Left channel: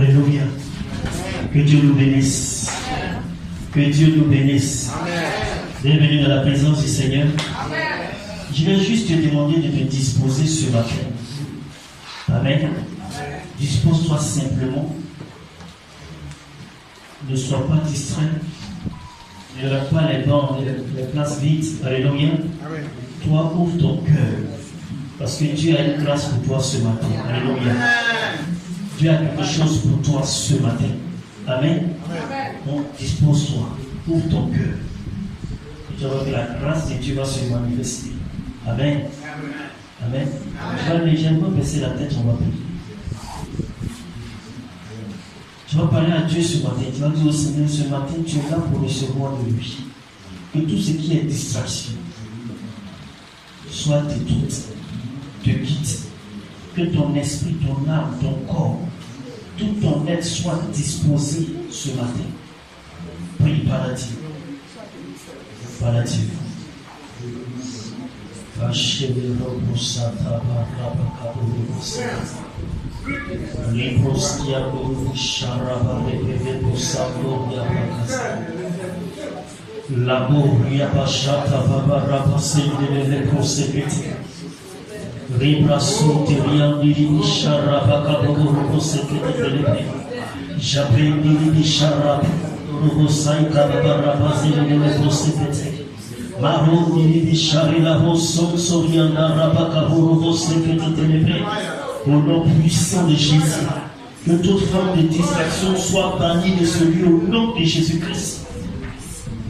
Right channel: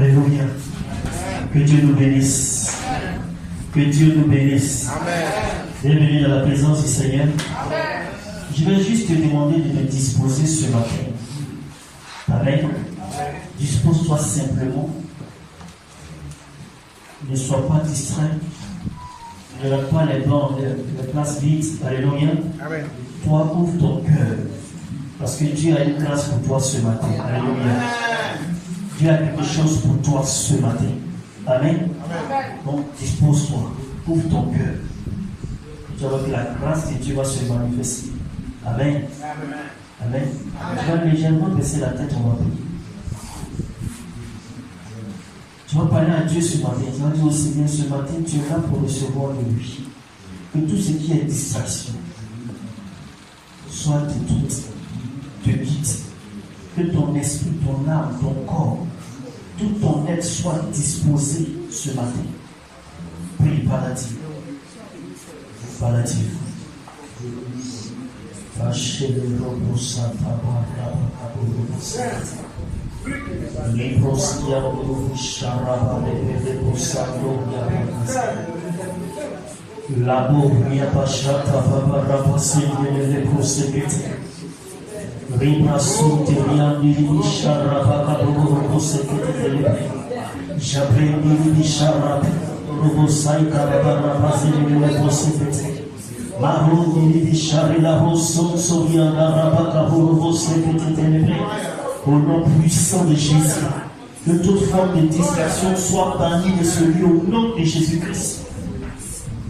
Alléluia. Que Dieu nous bénisse. Que Dieu nous bénisse. Bienvenue dans la présence du Seigneur. Je vais juste te demander de te disposer ce matin. Amen. Dispose-toi simplement. Ne sois pas distrait. Ne regarde pas les bancs, les places vides. Alléluia. Toi, ouvre ton cœur. Parce que Dieu a une grâce pour toi ce matin. Alléluia. Dieu a quelque chose pour toi ce matin. Amen. Donc, dispose-toi. Ouvre ton cœur. Et tu vas voir que la grâce de Dieu va se manifester. Amen. Amen. Tu vas légèrement baisser la tête, on va prier. Tu vas parler à Dieu ce matin. Tu vas dire au Seigneur, ce matin, tu es là pour recevoir de lui. Que tout ce qui est distraction soit détruit, te quitte. Que ton esprit, ton âme, ton corps, tout ton être soit disposé ce matin. Prie par la Dieu. Par la Dieu. L'amour n'y a pas chata va passer de l'électrosépétie. Ribrasu terian diri bisharaba kaburu robosekete. J'appelle diri bisharaba robosai kabara bazeli robosekete. Maron diri bishari la roson sorianda raba kaburu robosekete. Au nom puissant de Jésus, que toute forme de distraction soit bannie de ce lieu au nom de Jésus-Christ.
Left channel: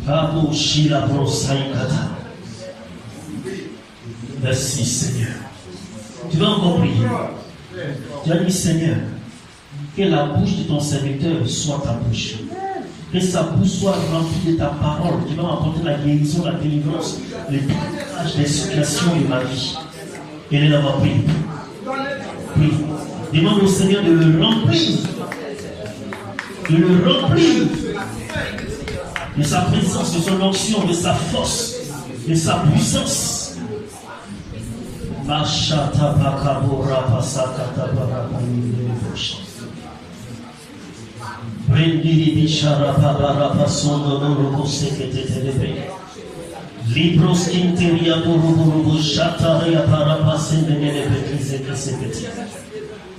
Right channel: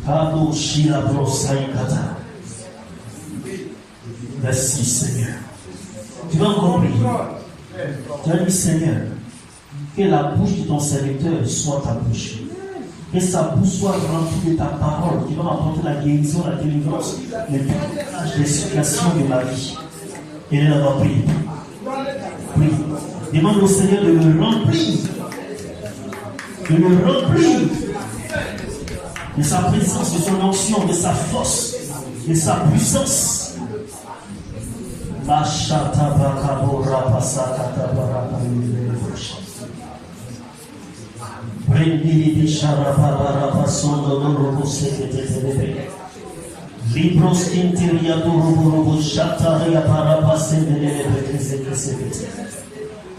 Kabo shila brosai kata. Merci Seigneur. Tu vas encore prier. Tu as dit, Seigneur, que la bouche de ton serviteur soit ta bouche. Que sa bouche soit remplie de ta parole qui va apporter la guérison, la délivrance, le délivrage des situations de ma vie. Et là, on va prier. Prie. Demande au Seigneur de le remplir. De le remplir. De sa présence, de son onction, de sa force, de sa puissance. Mashata bakabora pasakata barakalilefush. Prendili bishara babara pasondo robo sekete telebe. Libros interia robo shataria para pasemele bekise sekete.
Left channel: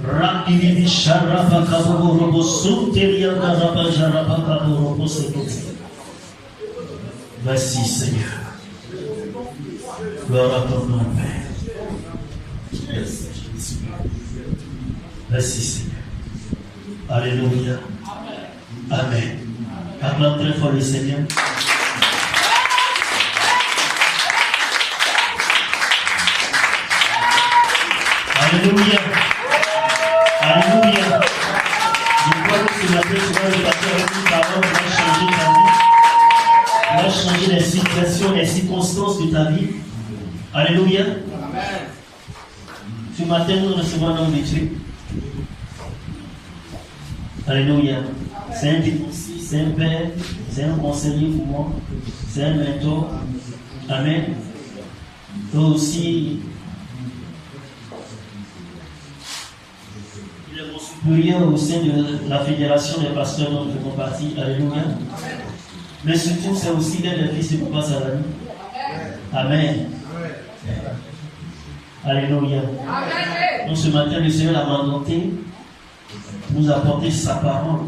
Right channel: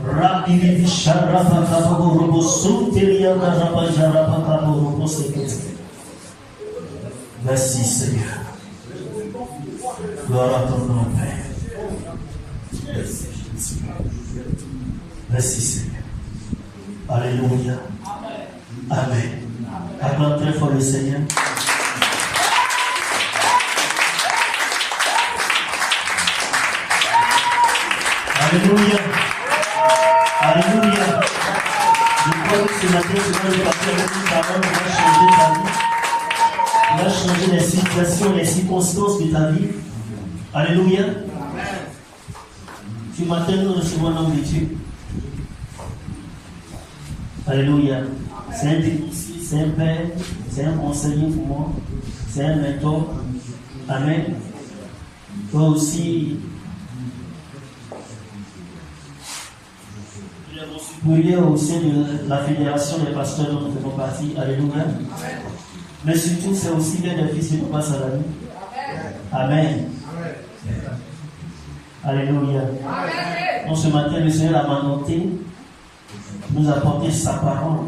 Rabili bishara bakaboro robo sunteria raba jara bakaboro robo sekete. Merci Seigneur. Gloire à ton nom, Père. Merci Seigneur. Alléluia. Amen. Acclame très fort le Seigneur. Alléluia. Alléluia. Je crois que ce matin, tu vas le passer avec une parole qui va changer ta vie. Qui va changer les situations, les circonstances de ta vie. Alléluia. Ce matin, nous recevons un homme de Dieu. Alléluia. C'est un dénoncé, c'est un père, c'est un conseiller pour moi, c'est un mentor. Amen. Toi aussi, il est mon supérieur au sein de la fédération des pasteurs dont nous faisons partie. Alléluia. Mais surtout, c'est aussi l'un des fils de Papa Salami. Amen. Alléluia. Donc ce matin, le Seigneur a mandaté nous apporter sa parole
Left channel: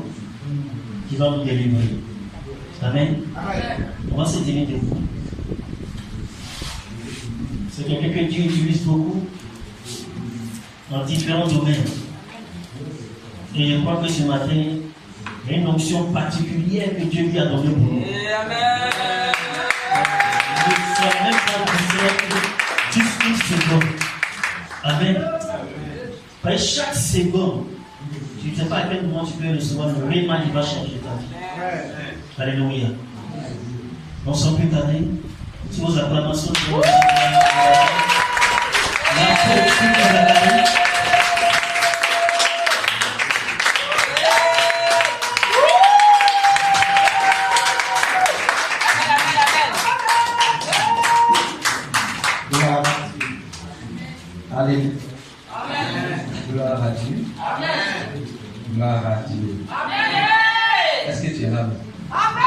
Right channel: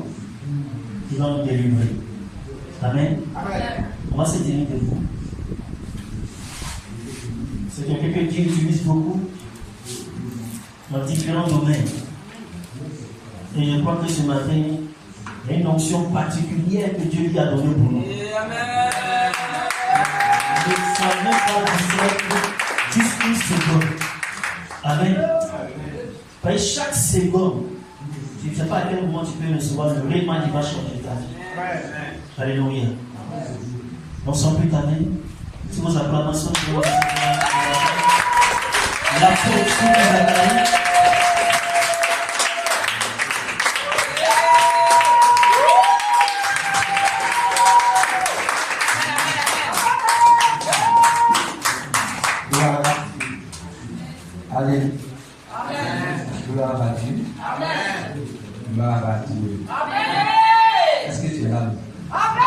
qui va nous délivrer. Amen. On va se tenir debout. C'est quelqu'un que Dieu utilise beaucoup dans différents domaines. Et je crois que ce matin, il y a une onction particulière que Dieu lui a donnée pour nous. Je ne saurais même pas dire une seconde. Amen. Parce que chaque seconde, tu ne sais pas à quel moment tu peux recevoir le réellement qui va changer ta vie. Alléluia. Non sans plus tarder, si vos acclamations sont la force que nous avons. Alléluia. Gloire à Dieu. Gloire à Dieu. Amen. Est-ce que tu es là? Amen.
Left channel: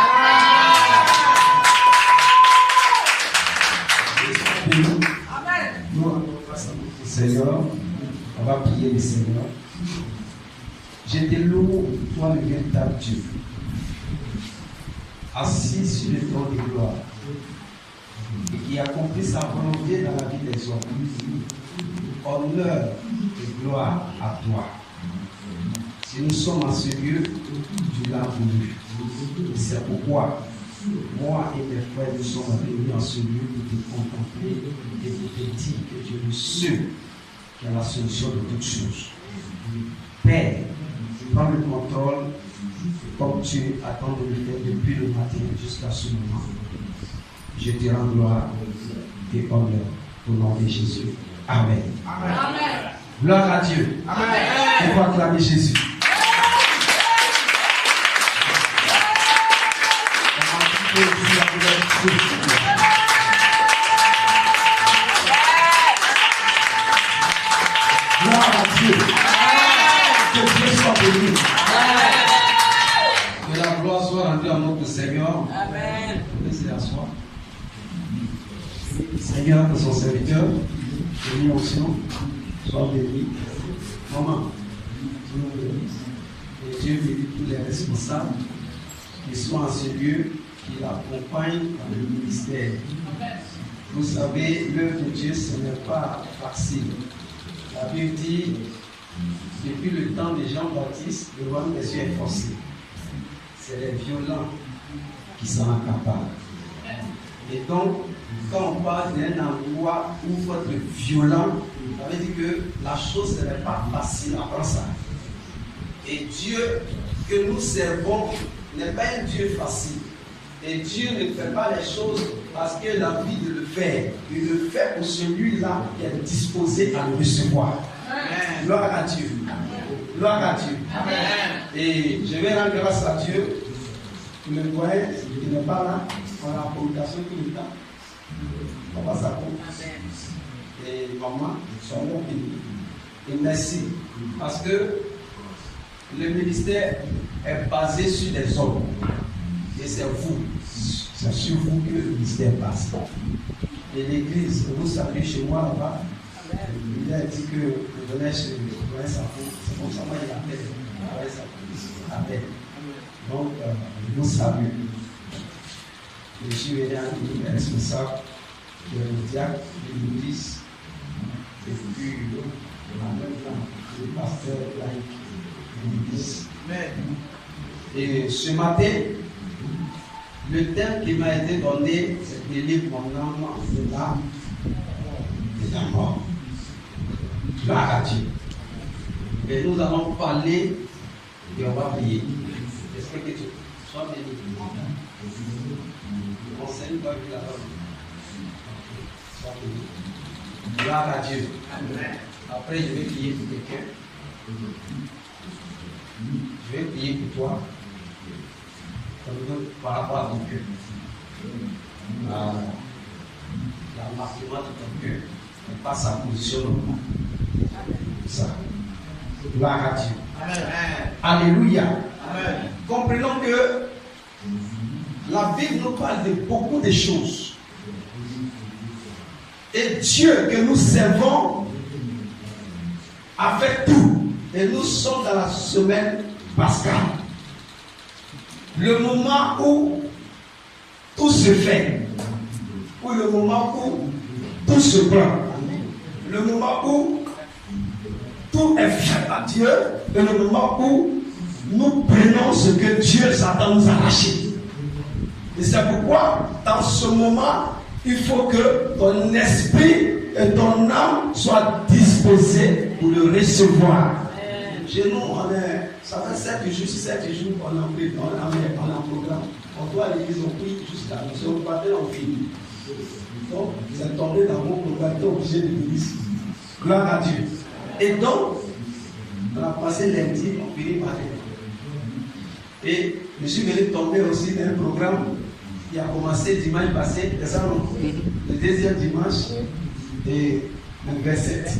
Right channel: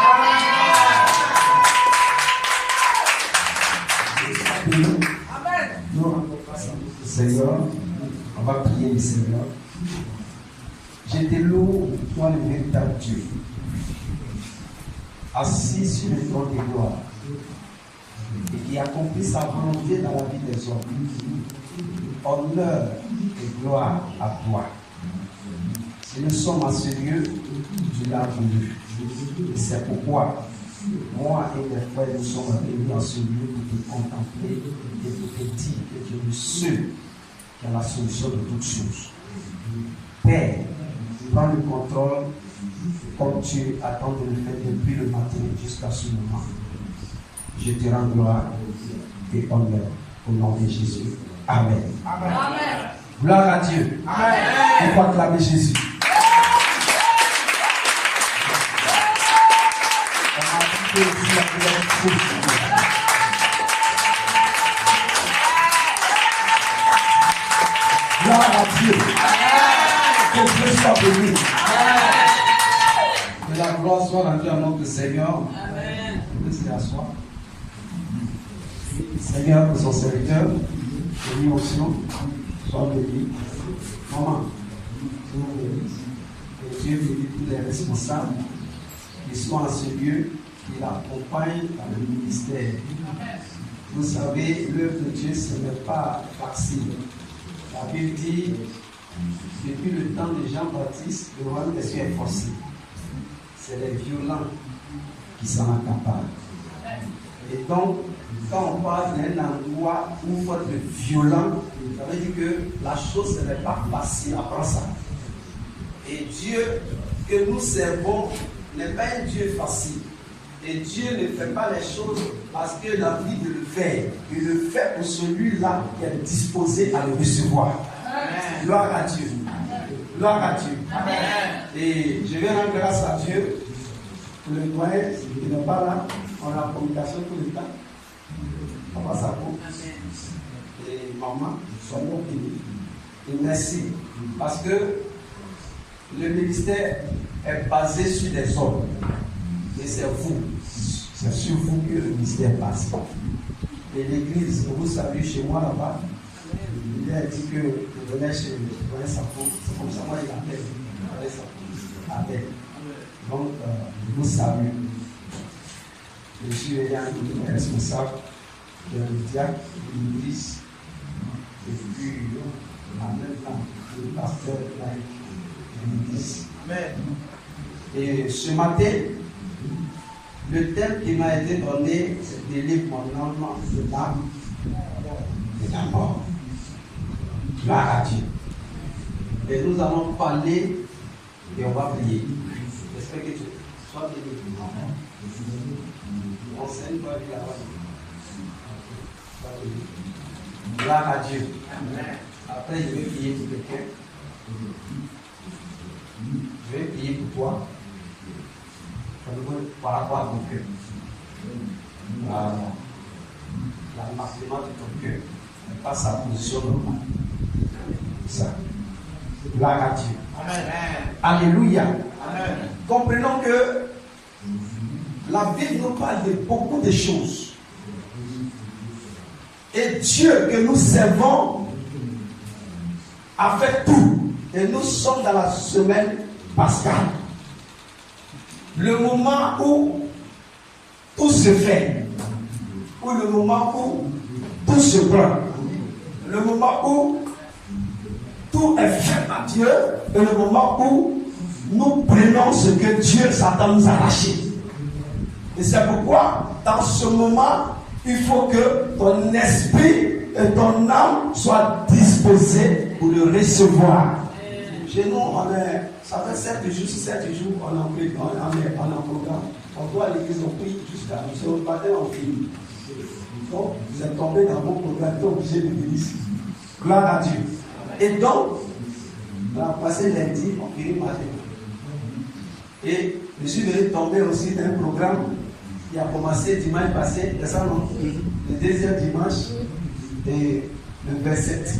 Nous, Seigneur, on va prier le Seigneur. Je te loue, toi le véritable Dieu, assis sur le trône de gloire, et qui accomplit sa volonté dans la vie des hommes. Honneur et gloire à toi. Si nous sommes en ce lieu, tu l'as voulu. C'est pourquoi moi et mes frères nous sommes venus en ce lieu pour te contempler et pour te dire que tu es le seul qui a la solution de toutes choses. Père, prends le contrôle comme tu attends de le faire depuis le matin jusqu'à ce moment. Je te rends gloire et honneur au nom de Jésus. Amen. Amen. Gloire à Dieu. Amen. On va acclamer Jésus. Gloire à Dieu. Que Dieu soit béni. Que la gloire soit rendue à notre Seigneur. Amen. Laissez asseoir. Seigneur, que son serviteur, béni onction, soit béni. Maman, sois béni. Et Dieu bénit tous les responsables qui sont en ce lieu, qui l'accompagnent dans le ministère. Vous savez, l'œuvre de Dieu, ce n'est pas facile. La Bible dit, depuis le temps de Jean-Baptiste, le royaume des cieux est forcé. C'est les violents qui s'en accaparent. Et donc, quand on parle d'un endroit où il faut être violent, ça veut dire que la chose ne n'est pas facile à prendre ça. Et Dieu que nous servons n'est pas un Dieu facile. Et Dieu ne fait pas les choses parce qu'il a envie de le faire. Il le fait pour celui-là qui est disposé à le recevoir. Amen. Gloire à Dieu. Gloire à Dieu. Amen. Et je vais rendre grâce à Dieu pour le doyen qui n'est pas là. On a la communication tout le temps. Papa Sako et maman sont mon pays. Et merci. Parce que le ministère est basé sur les hommes. Et c'est vous. C'est sur vous que le ministère passe. Et l'église, vous savez, chez moi là-bas, il a dit que je venais chez le Sako. C'est comme ça, moi, il appelle. Appelle. Donc, je vous salue. Je suis responsable de diacre de l'église et puis en même temps le pasteur de l'église. Et ce matin, le thème qui m'a été donné, c'est délivre mon âme de l'âme de la mort. Gloire à Dieu. Et nous allons parler et on va prier. Est-ce que Dieu soit béni? Enseigne pas la parole. Gloire à Dieu. Amen. Après, je vais prier pour quelqu'un. Je vais prier pour toi. Par rapport à ton cœur. L'avancement de ton cœur. Et pas sa position normale. Ça. Gloire à Dieu. Amen. Alléluia. Amen. Comprenons que la Bible nous parle de beaucoup de choses. Et Dieu que nous servons a fait tout. Et nous sommes dans la semaine pascale. Le moment où tout se fait. Ou le moment où tout se prend. Le moment où tout est fait à Dieu. Et le moment où nous prenons ce que Dieu s'attend nous arracher. Et c'est pourquoi, dans ce moment, il faut que ton esprit et ton âme soient disposés pour le recevoir. Chez nous, ça fait 7 jours, on en programme. On doit aller à l'église, on prie jusqu'à nous. Si on partait, on finit. Donc, c'est tombé dans mon programme, tu es obligé de venir ici. Gloire à Dieu. Et donc, on a passé lundi, on finit matin. Et je suis venu tomber aussi dans un programme qui a commencé dimanche passé, le deuxième dimanche, et le 27.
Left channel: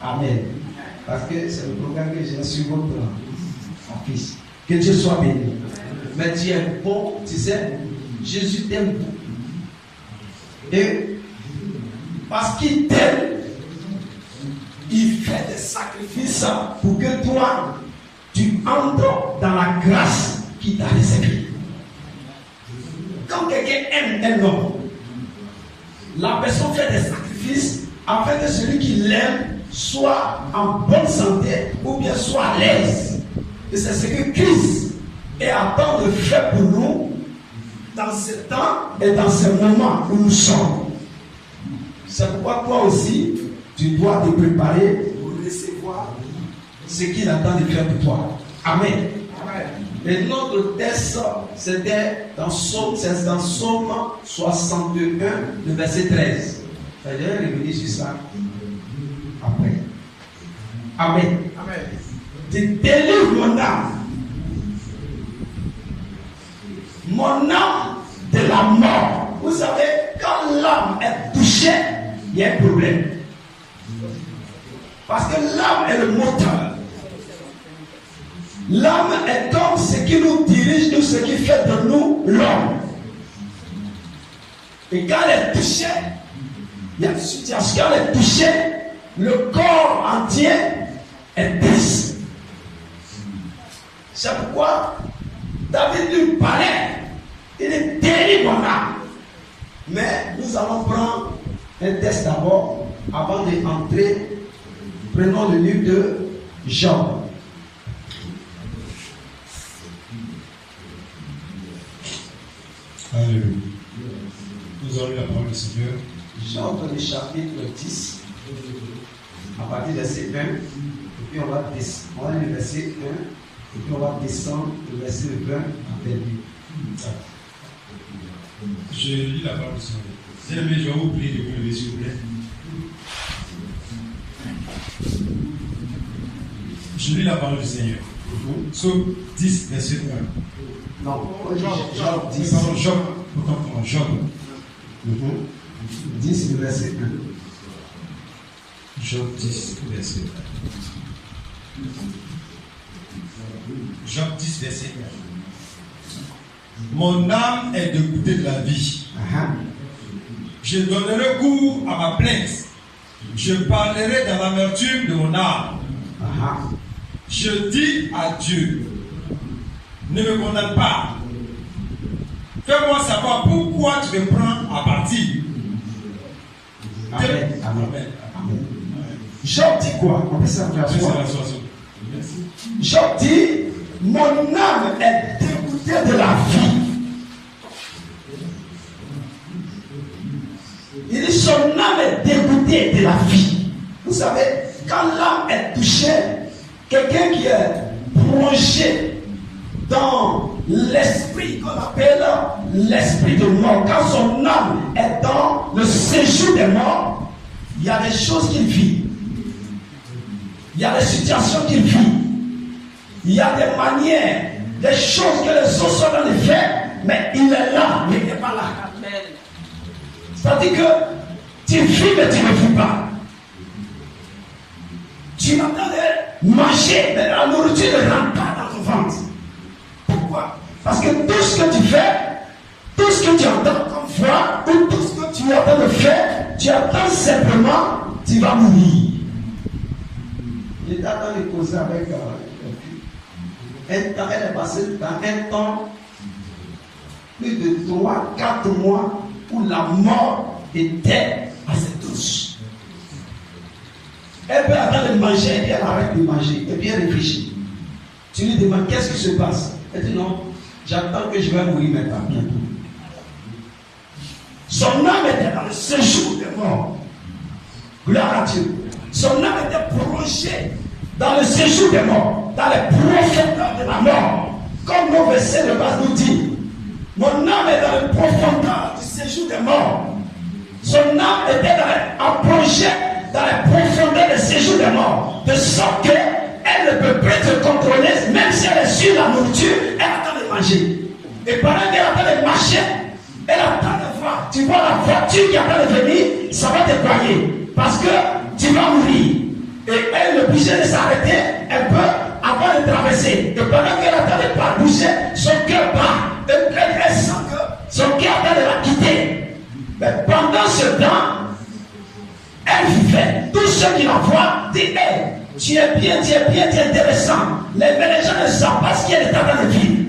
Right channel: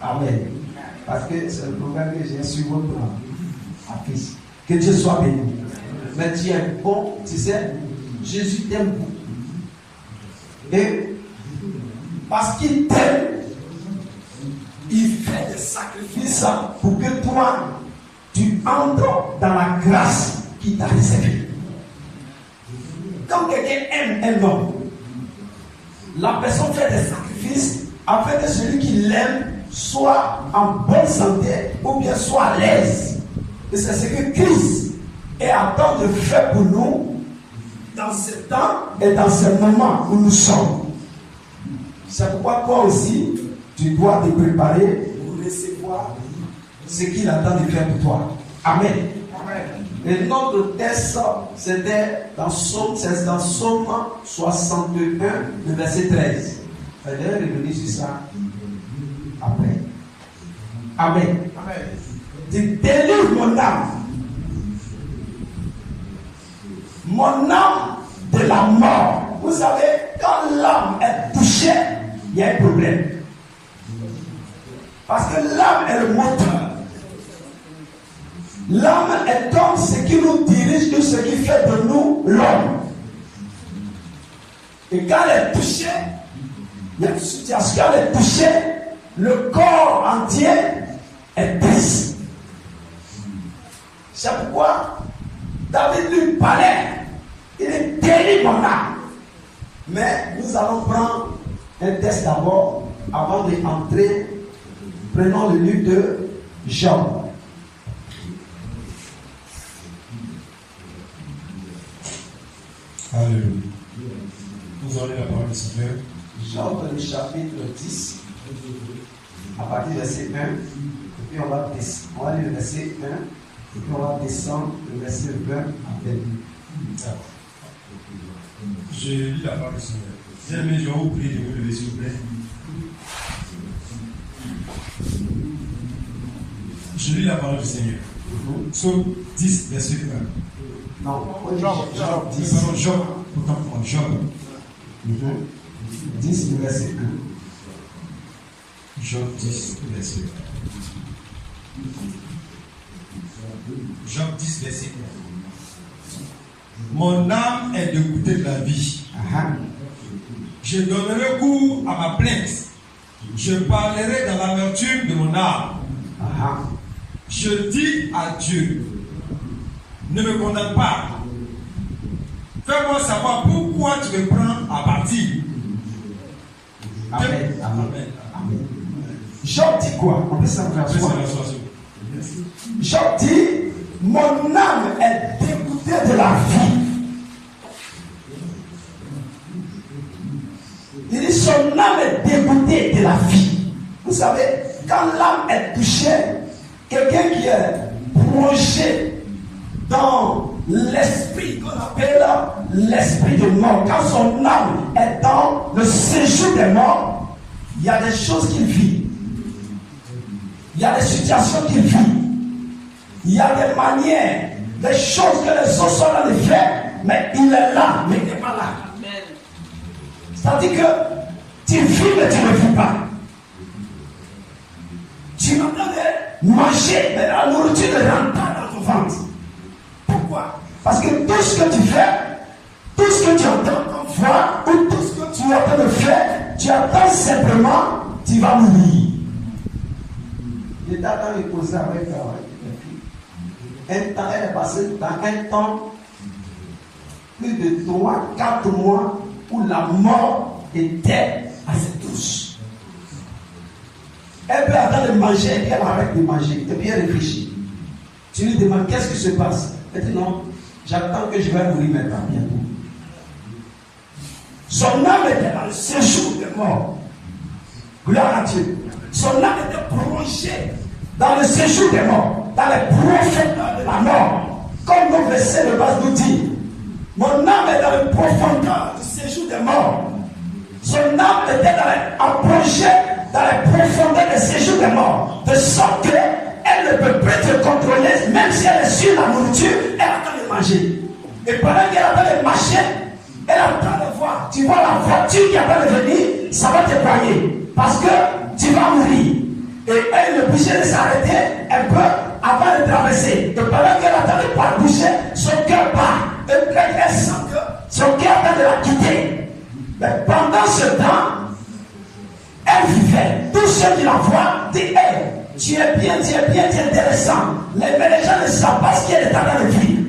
Amen. Parce que c'est le programme que j'ai sur votre à fils. Que Dieu soit béni. Mais tu es bon, tu sais, Jésus t'aime beaucoup. Et parce qu'il t'aime, il fait des sacrifices pour que toi, tu entres dans la grâce qu'il t'a réservée. Quand quelqu'un aime un homme, la personne fait des sacrifices afin que celui qui l'aime soit en bonne santé ou bien soit à l'aise. Et c'est ce que Christ est en train de faire pour nous dans ce temps et dans ce moment où nous sommes. C'est pourquoi toi aussi, tu dois te préparer pour recevoir ce qu'il attend de faire pour toi. Amen. Amen. Et notre texte, c'était dans Psaume 61, le verset 13. Je vais revenir sur ça après. Amen. Amen. Tu délivres mon âme. Mon âme de la mort. Vous savez, quand l'âme est touchée, il y a un problème. Parce que l'âme est le moteur. L'âme est donc ce qui nous dirige, nous, ce qui fait de nous l'homme. Et quand elle est touchée, il y a une situation, quand elle est touchée, le corps entier est triste. C'est pourquoi David lui parlait. Il est délivre mon âme. Mais nous allons prendre un texte d'abord, avant d'entrer. Prenons le livre de Job. Alléluia. Nous allons la parole du Seigneur. Job, le chapitre 10, à partir du verset 1, et puis on va lire le verset 1, et puis on va descendre le verset 20 à 22. Je lis la parole du Seigneur. Bien-aimé, je vais vous prier de vous lever, s'il vous plaît. Je lis la parole du Seigneur. Psaume 10, verset 1. Non, Job 10. Job, autant pour moi, Job. 10, le verset 1. Job 10, verset 1. Job 10, verset 1. Mon âme est dégoûtée de la vie. Je donnerai cours à ma plainte. Je parlerai dans l'amertume de mon âme. Je dis à Dieu, ne me condamne pas. Fais-moi savoir pourquoi tu me prends à partie. Amen. Amen. Job dit quoi? On peut savoir quoi? Job dit, mon âme est dégoûtée de la vie. Il dit, son âme est dégoûtée de la vie. Vous savez, quand l'âme est touchée, quelqu'un qui est plongé dans l'esprit qu'on appelle l'esprit de mort, quand son âme est dans le séjour des morts, il y a des choses qu'il vit. Il y a des situations qu'il vit. Il y a des manières, des choses que les autres sont dans les faire, mais il est là, mais il n'est pas là. C'est-à-dire que tu vis, mais tu ne vis pas. Tu m'entendais manger, mais la nourriture ne rentre pas dans ton ventre. Pourquoi? Parce que tout ce que tu fais, tout ce que tu entends comme voix, ou tout ce que tu es en train de faire, tu attends simplement, tu vas mourir. J'étais en train de causer avec un temps, elle est passée dans un temps, plus de 3-4 mois, où la mort était à ses touches. Elle peut attendre de manger, et puis elle arrête de manger, et puis elle réfléchit. Tu lui demandes qu'est-ce qui se passe? Elle dit non, j'attends que je vais mourir maintenant, bientôt. Son âme était dans le séjour des morts. Gloire à Dieu. Son âme était plongée dans le séjour des morts, dans les profondeurs de la mort. Comme nos versets de base nous disent, mon âme est dans les profondeurs du séjour des morts. Son âme était plongée dans les profondeurs du séjour des morts, de sorte qu'elle ne peut plus se contrôler, même si elle est sur la nourriture, elle attend de manger. Et pendant qu'elle attend de marcher, elle attend de voir. Tu vois la voiture qui attend de venir, ça va te broyer. Parce que tu vas mourir. Et elle ne bougeait de s'arrêter, elle peut avant de traverser. Et pendant qu'elle attendait pas de bouger, son cœur bat. Et elle sent que son cœur attend de la quitter. Mais pendant ce temps, elle vivait. Tous ceux qui la voient disent, hey, tu es bien, tu es intéressant. Mais les gens ne savent pas ce qu'elle est en train de vivre.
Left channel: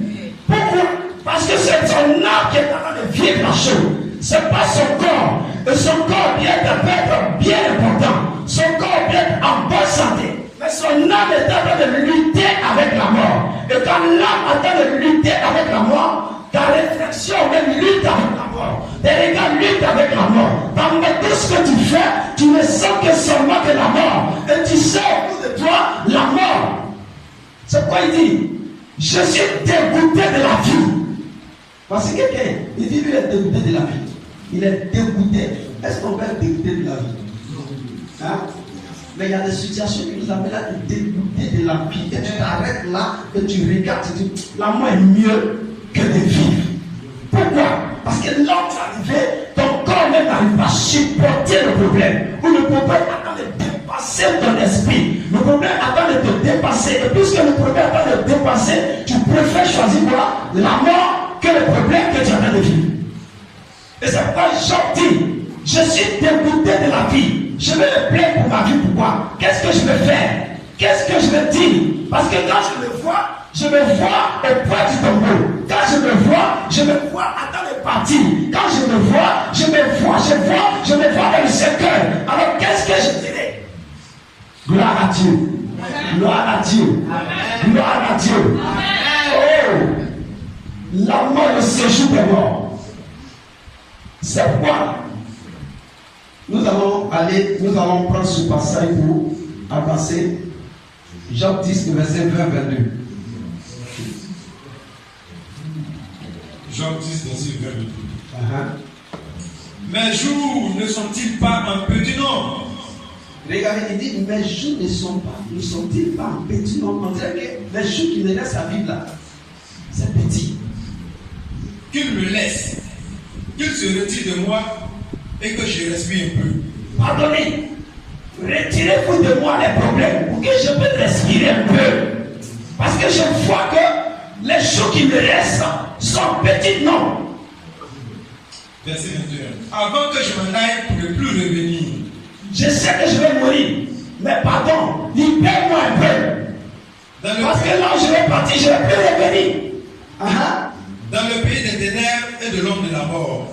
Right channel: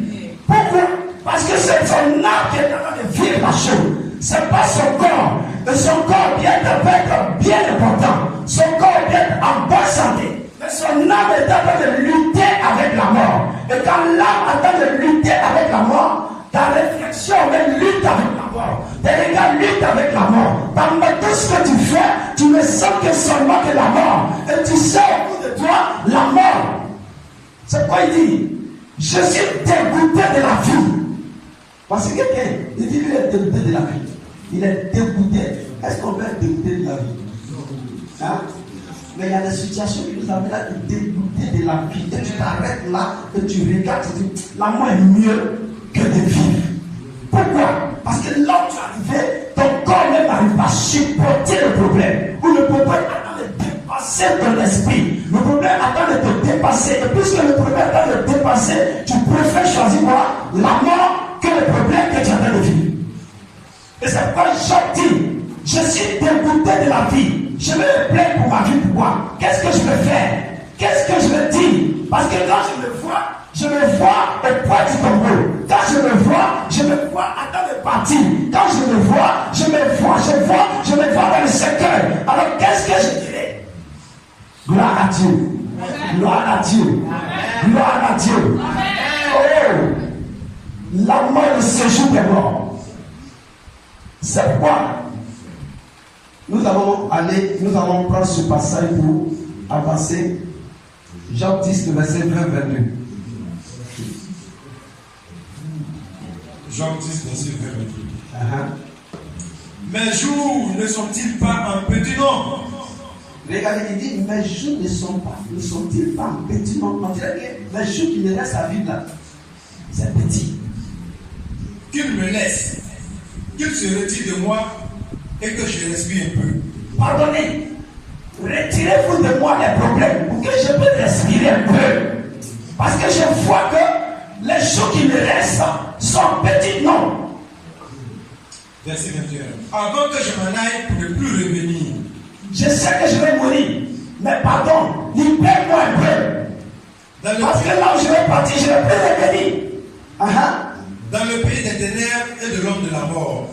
Pourquoi? Parce que c'est son âme qui est en train de vivre la chose. C'est pas son corps. Et son corps bien-être peut être bien important. Son corps peut être en bonne santé. Mais son âme est en train de lutter avec la mort. Et quand l'âme est en train de lutter avec la mort, ta réflexion même lutte avec la mort. Tes regards luttent avec la mort. Dans tout ce que tu fais, tu ne sens que seulement que la mort. Et tu sais au bout de toi la mort. C'est quoi il dit? Je suis dégoûté de la vie. Parce que quelqu'un, il dit qu'il est dégoûté de la vie. Il est dégoûté. Est-ce qu'on peut être dégoûté de la vie? Hein? Mais il y a des situations qui nous amènent à être dégoûté de la vie. Et tu t'arrêtes là, et tu regardes, tu dis, la mort est mieux que de vivre. Pourquoi? Parce que là où tu es arrivé, ton corps même n'arrive pas à supporter le problème. Ou le problème attend de dépasser ton esprit. Le problème attend de te dépasser. Et puisque le problème attend de te dépasser, tu préfères choisir quoi? La mort que le problème que tu es en train de vivre. Et c'est pourquoi Job dit, je suis dégoûté de la vie. Je vais me plaindre pour ma vie. Pourquoi? Qu'est-ce que je vais faire? Qu'est-ce que je vais dire? Parce que quand je me vois au poids du tombeau. Quand je me vois à temps de partir. Quand je me vois dans le cercueil. Alors qu'est-ce que je dirais? Gloire à Dieu. Gloire à Dieu. Gloire à Dieu. Oh! La mort est le séjour des morts. C'est pourquoi nous allons prendre ce passage pour avancer. Jean 10, verset 20-22. Jean 10, verset 22. Mes jours ne sont-ils pas un petit nombre? Regardez, il dit, mes jours ne sont-ils pas un petit nombre? On dirait que les jours qui me restent à vivre là, c'est petit. Qu'il me laisse, qu'il se retire de moi et que je respire un peu. Pardonnez, retirez-vous de moi les problèmes pour que je puisse respirer un peu. Parce que je vois que les jours qui me restent sont petits noms. Verset 21. Avant que je m'en aille pour ne plus revenir. Je sais que je vais mourir, mais pardon, libère-moi un peu. Parce que là où je vais partir, je ne vais plus revenir. Dans le pays des ténèbres et de l'homme de la mort.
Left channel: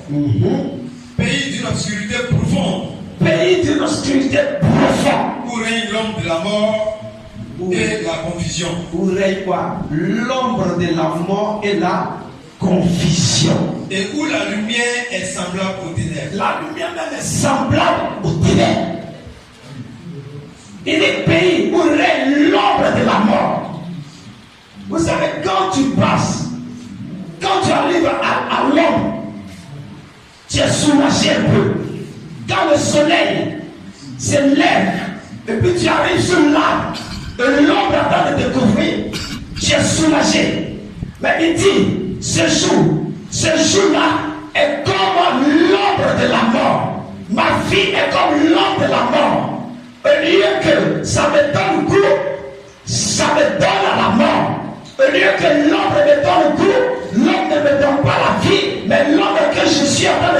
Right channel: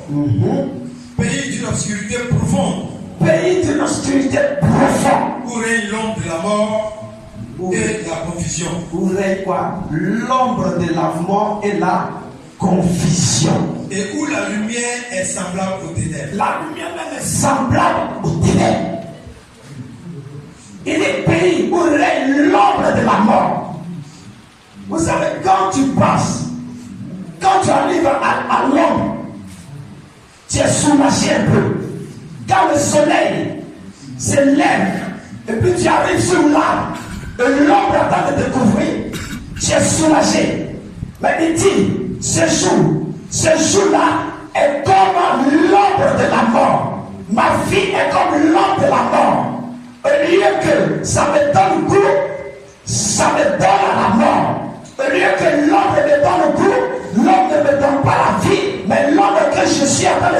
Pays d'une obscurité profonde. Pays d'une obscurité profonde. Où règne l'ombre de la mort et la confusion. Où règne quoi? L'ombre de la mort et la confusion. Et où la lumière est semblable aux ténèbres. La lumière même est semblable aux ténèbres. Il est pays où règne l'ombre de la mort. Vous savez, quand tu passes, quand tu arrives à l'ombre, tu es soulagé un peu. Quand le soleil se lève, et puis tu arrives sur l'arbre, et l'ombre attend de te couvrir, tu es soulagé. Mais il dit, ce jour-là est comme l'ombre de la mort. Ma vie est comme l'ombre de la mort. Au lieu que ça me donne goût, ça me donne à la mort. Au lieu que l'ombre me donne goût, l'ombre ne me donne pas la vie, mais l'ombre que je suis en train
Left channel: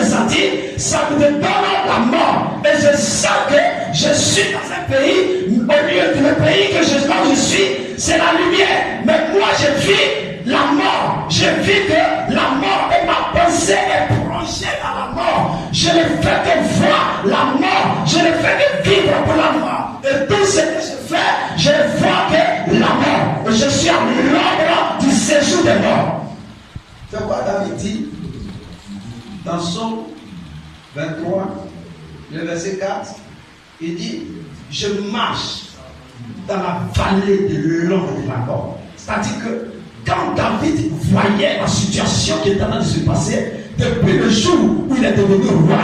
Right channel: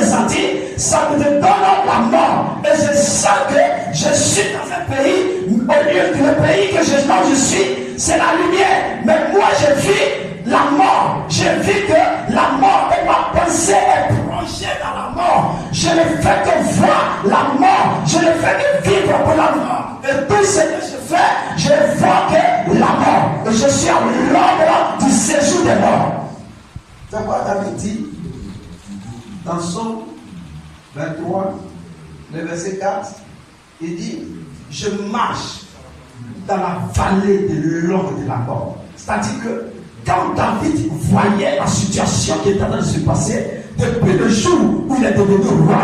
de sentir, ça me donne la mort. Et je sens que je suis dans un pays, au lieu que le pays que je suis, c'est la lumière. Mais moi je vis la mort. Je vis que la mort et ma pensée est plongée dans la mort. Je ne fais que voir la mort. Je ne fais que vivre pour la mort. Et tout ce que je fais, je vois que la mort. Je suis à l'ombre du séjour des morts. C'est quoi David dit dans Psaume 23, le verset 4, il dit, je marche dans la vallée de l'ombre de la mort. C'est-à-dire que quand David voyait la situation qui était en train de se passer, depuis le jour où il est devenu roi,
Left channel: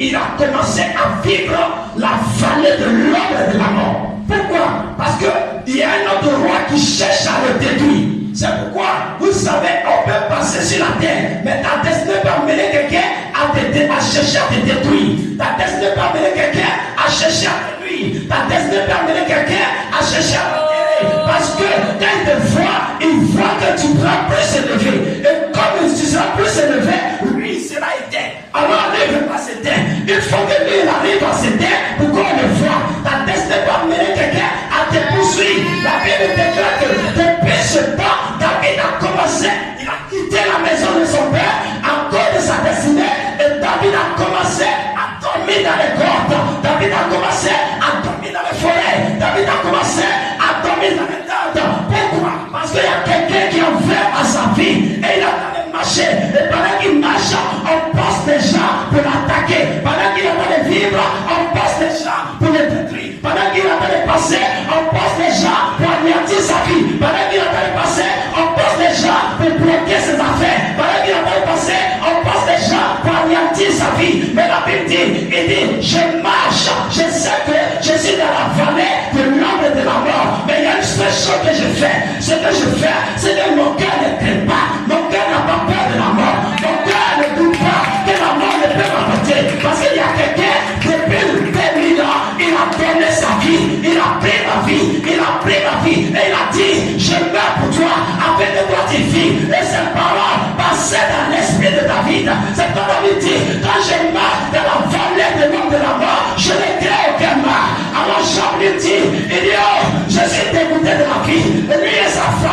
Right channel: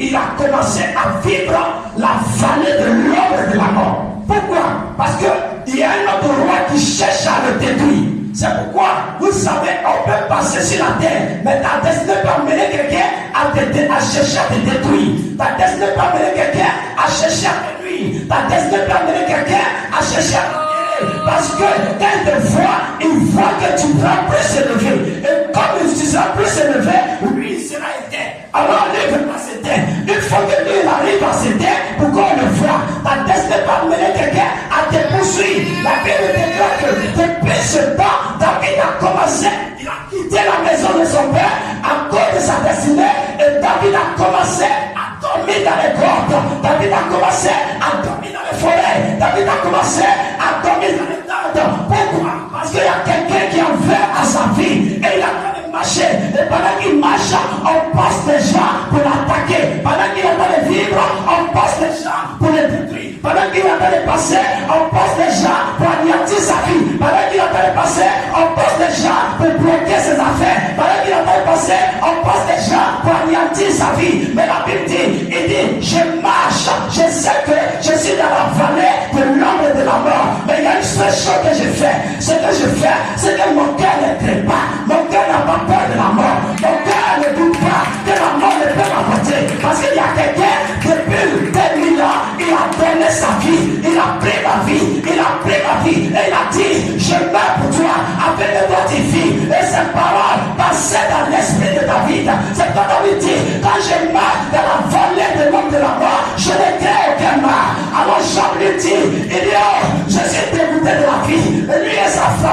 il a commencé à vivre la vallée de l'ombre de la mort. Pourquoi? Parce qu'il y a un autre roi qui cherche à le détruire. C'est pourquoi, vous savez, on peut passer sur la terre, mais ta destinée peut amener quelqu'un à chercher à te détruire. Ta destinée peut amener quelqu'un à chercher à te nuire. Ta destinée peut amener quelqu'un à chercher à te Parce que quand il te voit, il voit que tu seras plus élevé. Et comme tu seras plus élevé, lui, il sera éteint. Alors lui ne peut pas s'éteindre. Il faut que lui, il arrive à s'éteindre pour qu'on le voit. Ta destinée va mener quelqu'un à te poursuivre. La Bible déclare que depuis ce temps, David a commencé, il a quitté la maison de son père à cause de sa destinée. Et David a commencé à dormir dans les grottes. David a commencé à dormir dans les forêts. David a commencé à dormir dans les tentes. Pourquoi? Parce qu'il y a quelqu'un qui a fait à sa vie. Et il a en train de marcher. Et pendant qu'il marche, on passe des gens pour l'attaquer. Pendant qu'il est en train de vivre, on passe des gens pour le détruire. Pendant qu'il est en train de passer, on passe des gens pour anéantir sa vie. Pendant qu'il est en train de passer, on passe des gens pour bloquer ses affaires. Pendant qu'il est en train de passer, on passe des gens pour anéantir sa vie. Mais la Bible dit, il dit, je marche, je sais que je suis dans la vallée de l'ombre de la mort. Mais il y a une seule chose que je fais. Ce que je fais, c'est que mon cœur ne craint pas. Mon cœur n'a pas peur de la mort. Mon cœur ne doute pas que la mort ne peut m'apporter. Parce qu'il y a quelqu'un, depuis 2000 ans, il a donné sa vie. Il a pris ma vie. Il a pris ma vie. Et il a dit, je meurs pour toi, afin que toi tu vis. Et cette parole passait dans l'esprit de David. C'est quand David dit, quand je meurs dans la vallée de l'homme de la mort, je ne crains aucun mal. Alors Job lui dit, il dit, oh, je suis dégoûté de la vie. Et lui et sa foi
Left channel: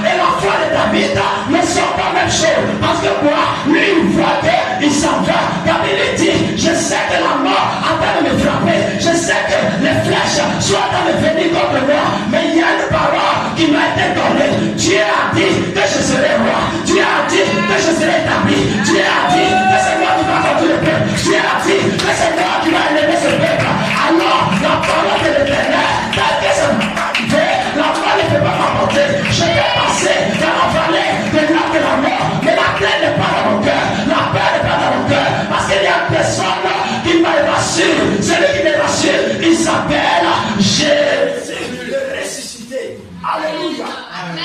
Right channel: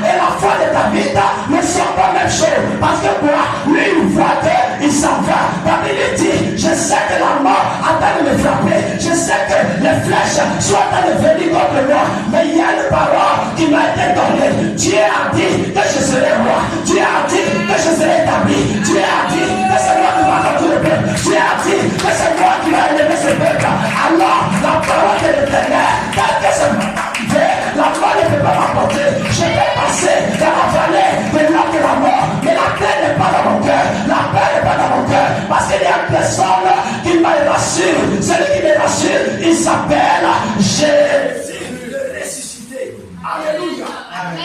et la foi de David ne sont pas la même chose. Parce que moi, lui, il voit qu'il s'en va. David lui dit, je sais que la mort a train de me frapper. Je sais que les flèches sont en train de venir contre moi. Mais il y a une parole qui m'a été donnée. Dieu a dit que je serai roi. Dieu a dit que je serai établi. Dieu a dit que c'est moi qui va conduire le peuple. Dieu a dit que c'est moi qui va élever ce peuple. Alors, la parole de l'Éternel, dès que ça va arriver, la foi ne peut pas m'apporter. Je vais passer dans la vallée de l'homme de la mort. Mais la crainte n'est pas dans mon cœur. La peur n'est pas dans mon cœur. Parce qu'il y a une personne qui m'a rassure. Celui qui me rassure, il s'appelle Jésus le ressuscité. Alléluia. Amen.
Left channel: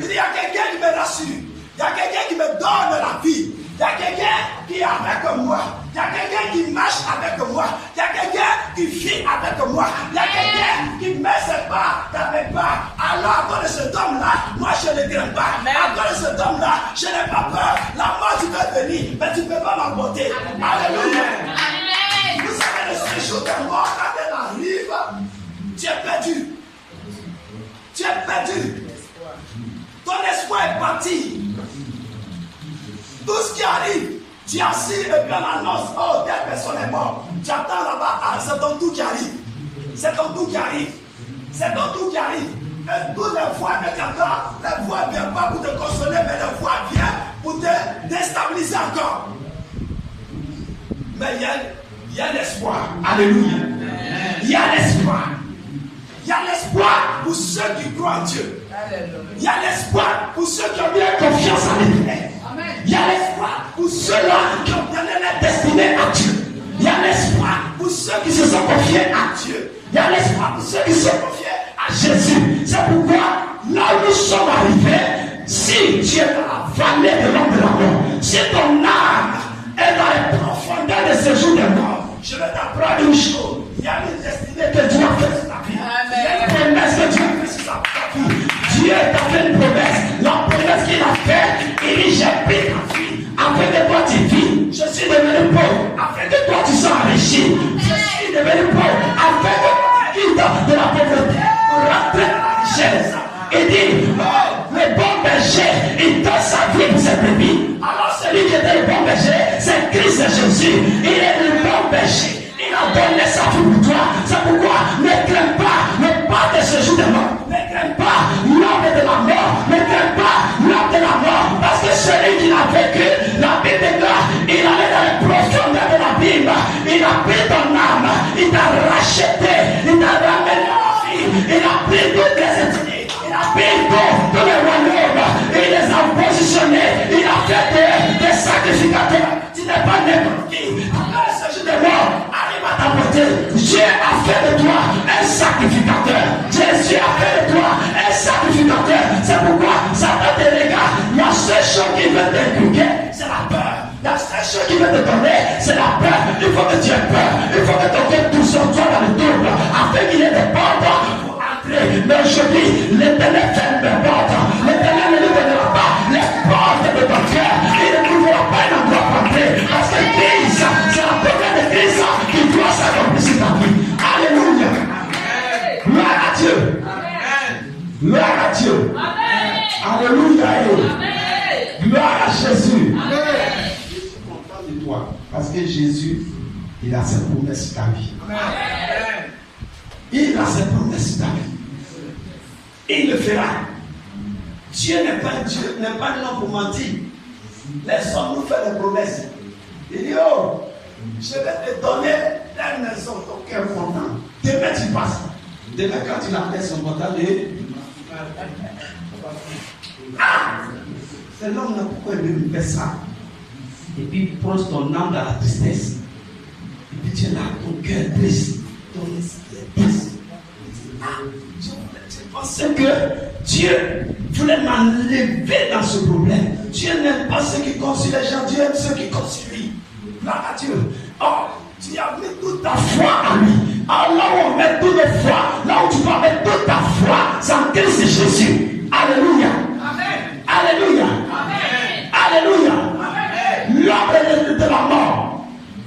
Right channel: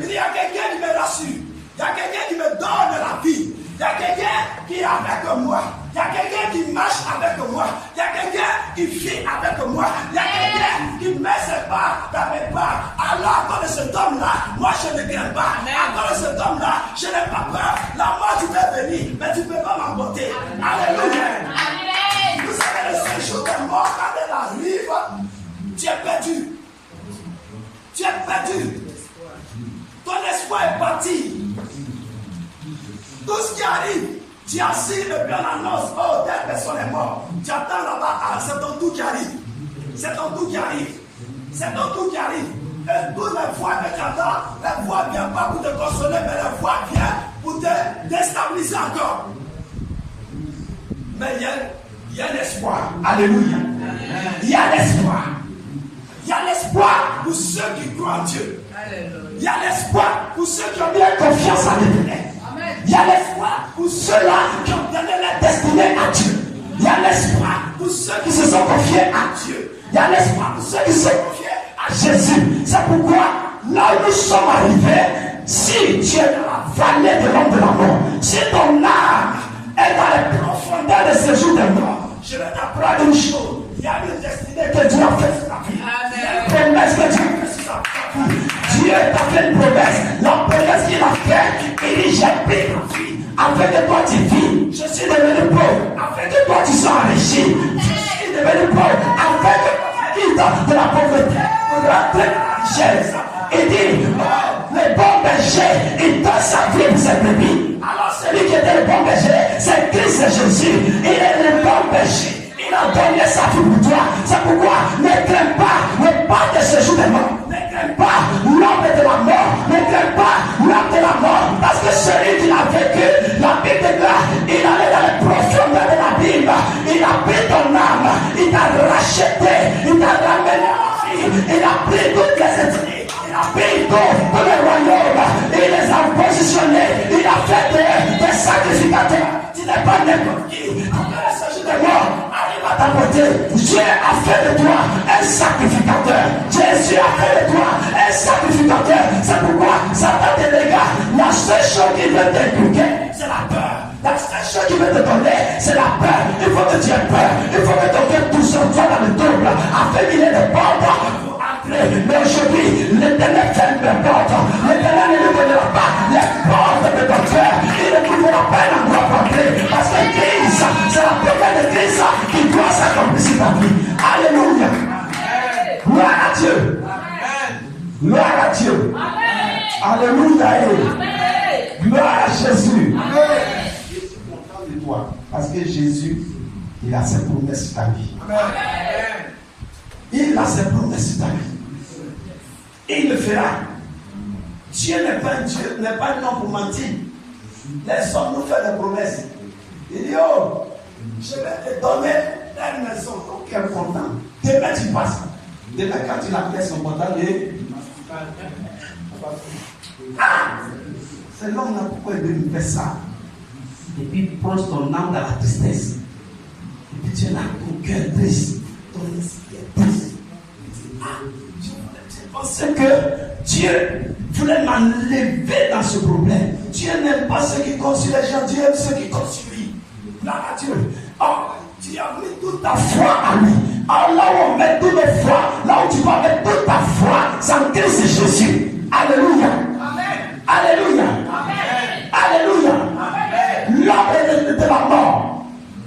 Il y a quelqu'un qui me rassure. Il y a quelqu'un qui me donne la vie. Il y a quelqu'un qui est avec moi. Il y a quelqu'un qui marche avec moi. Il y a quelqu'un qui vit avec moi. Il y a quelqu'un qui met ses pas dans mes pas. Alors, à cause de cet homme-là, moi je ne crains pas. À cause de cet homme-là, je n'ai pas peur. La mort, tu peux venir, mais tu ne peux pas m'emporter. Alléluia. Amen. Vous savez, le seul jour de mort, quand elle arrive, tu es perdu. Tu es perdu. Ton espoir est parti. Tout ce qui arrive, tu assis et puis on annonce, oh, telle personne est morte. Tu attends là-bas, ah, c'est ton tour qui arrive. C'est ton tour qui arrive. C'est ton tour qui arrive. Et toutes les voix que tu entends, les voix ne viennent pas pour te consoler, mais les voix viennent pour te déstabiliser encore. Mais il y a l'espoir. Alléluia. Il y a l'espoir. Il y a l'espoir pour ceux qui croient en Dieu. Il y a l'espoir pour ceux qui ont bien confiance en l'Éternel. Il y a l'espoir pour ceux-là qui ont donné leur destinée à Dieu. Il y a l'espoir pour ceux qui se sont confiés à Dieu. Il y a l'espoir pour ceux qui se sont confiés à Jésus. C'est pourquoi, là où nous sommes arrivés, si tu es dans la vallée de l'homme de la mort, si ton âme est dans les profondeurs de ce jour de mort, je vais t'apprendre une chose. Il y a une destinée que Dieu a fait sur ta vie. Il y a une promesse que Dieu a fait sur ta vie. Dieu t'a fait une promesse. La promesse qu'il a faite, il dit, j'ai pris ta vie afin que toi tu vis. Je suis devenu pauvre afin que toi tu sois enrichi. Je suis devenu pauvre afin que tu quittes de la pauvreté pour rentrer dans la richesse. Il dit, oh, le bon berger, il donne sa vie pour ses brebis. Alors celui qui était le bon berger, c'est Christ Jésus. Il est le bon berger. Il a donné sa vie pour toi. C'est pourquoi ne crains pas le pas de ce jour de mort. Ne crains pas l'homme de la mort. Ne crains pas l'homme de la mort. Parce que celui qui l'a vécu, la Bible déclare, il allait dans les profondeurs de la Bible. Il a pris ton âme. Il t'a racheté. Il t'a ramené en vie. Il a pris toutes les esprits. Il a pris tous les royaumes. Il les a positionnés. Il a fait des sacrificateurs. Tu n'es pas n'importe qui. Quand il s'agit de mort, arrive à t'apporter. Dieu a fait de toi un sacrificateur. Jésus a fait de toi un sacrificateur. C'est pourquoi Satan te regarde. La seule chose qui veut t'inculquer, c'est la peur. La seule chose qui veut te donner, c'est la peur. Il faut que tu aies peur. Il faut que ton cœur tout soit dans le double. Afin qu'il ait des portes pour entrer appelé. Mais aujourd'hui, l'Éternel ferme les portes. L'Éternel ne donnera pas les portes de ton cœur. Il ne trouvera pas un endroit pour entrer. Parce que Christ, c'est la première de Christ qui doit s'accomplir sur ta vie. Alléluia. Gloire à Dieu. Gloire à Dieu. Alléluia. Gloire à Jésus. Je suis content de toi. Parce que Jésus, il a ses promesses sur ta vie. Il a ses promesses sur ta vie. Il le fera. Dieu n'est pas Dieu, n'est pas un homme pour mentir. Laissons nous faire des promesses. Il dit, oh, je vais te donner la maison, ton cœur content. Demain tu passes. Demain quand tu la pièce son content, c'est l'homme là pourquoi il veut faire ça. Et puis il plonge ton âme dans la tristesse. Et puis tu es là, ton cœur triste, ton esprit est triste. Tu pensais que Dieu voulait m'enlever dans ce problème. Dieu n'aime pas ceux qui comptent sur les gens, Dieu aime ceux qui comptent sur lui. Là, Dieu. Oh, tu as mis toute ta foi à lui. Alors là où on met toute ta foi, là où tu vas mettre toute ta foi, c'est en Christ Jésus. Alléluia. Amen. Alléluia. Amen. Alléluia. Amen. L'âme de la mort.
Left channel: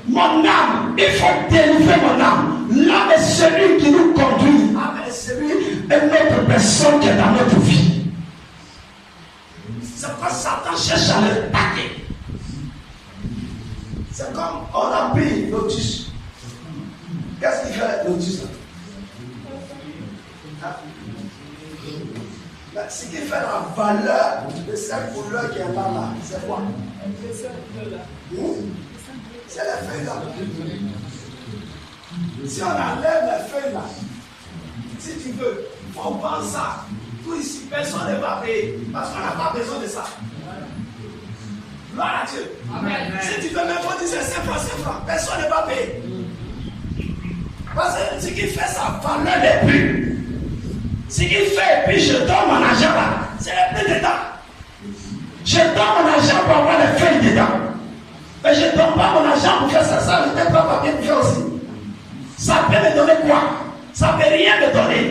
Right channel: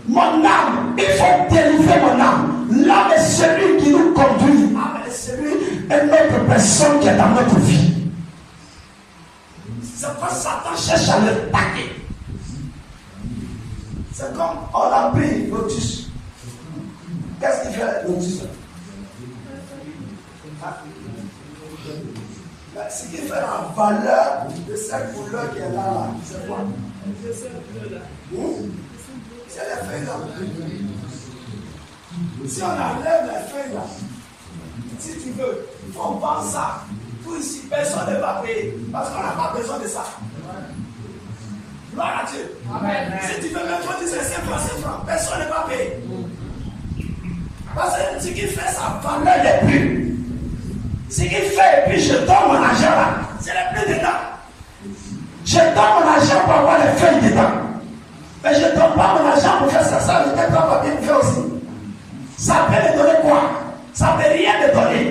Mon âme, il faut délivrer mon âme. L'âme est celui qui nous conduit. L'âme est celui et notre personne qui est dans notre vie. C'est quand Satan cherche à le taquer. C'est comme on a pris Lotus. Qu'est-ce qu'il fait Lotus? Ce qui fait la valeur de cette couleur qui est là, c'est quoi? C'est les feuilles là. Si on enlève les feuilles là, si tu veux, on vend ça. Tout ici, personne ne va payer. Parce qu'on n'a pas besoin de ça. Gloire à Dieu. Amen. Si tu veux même cotiser 5 francs, personne ne va payer. Parce que ce qui fait sa valeur n'est plus. Ce qu'il fait, et puis je donne mon argent là, c'est le plus dedans. Je donne mon argent pour avoir les feuilles dedans. Mais je ne donne pas mon argent pour faire ça, ça ne peut pas bien faire aussi. Ça peut me donner quoi? Ça ne peut rien me donner.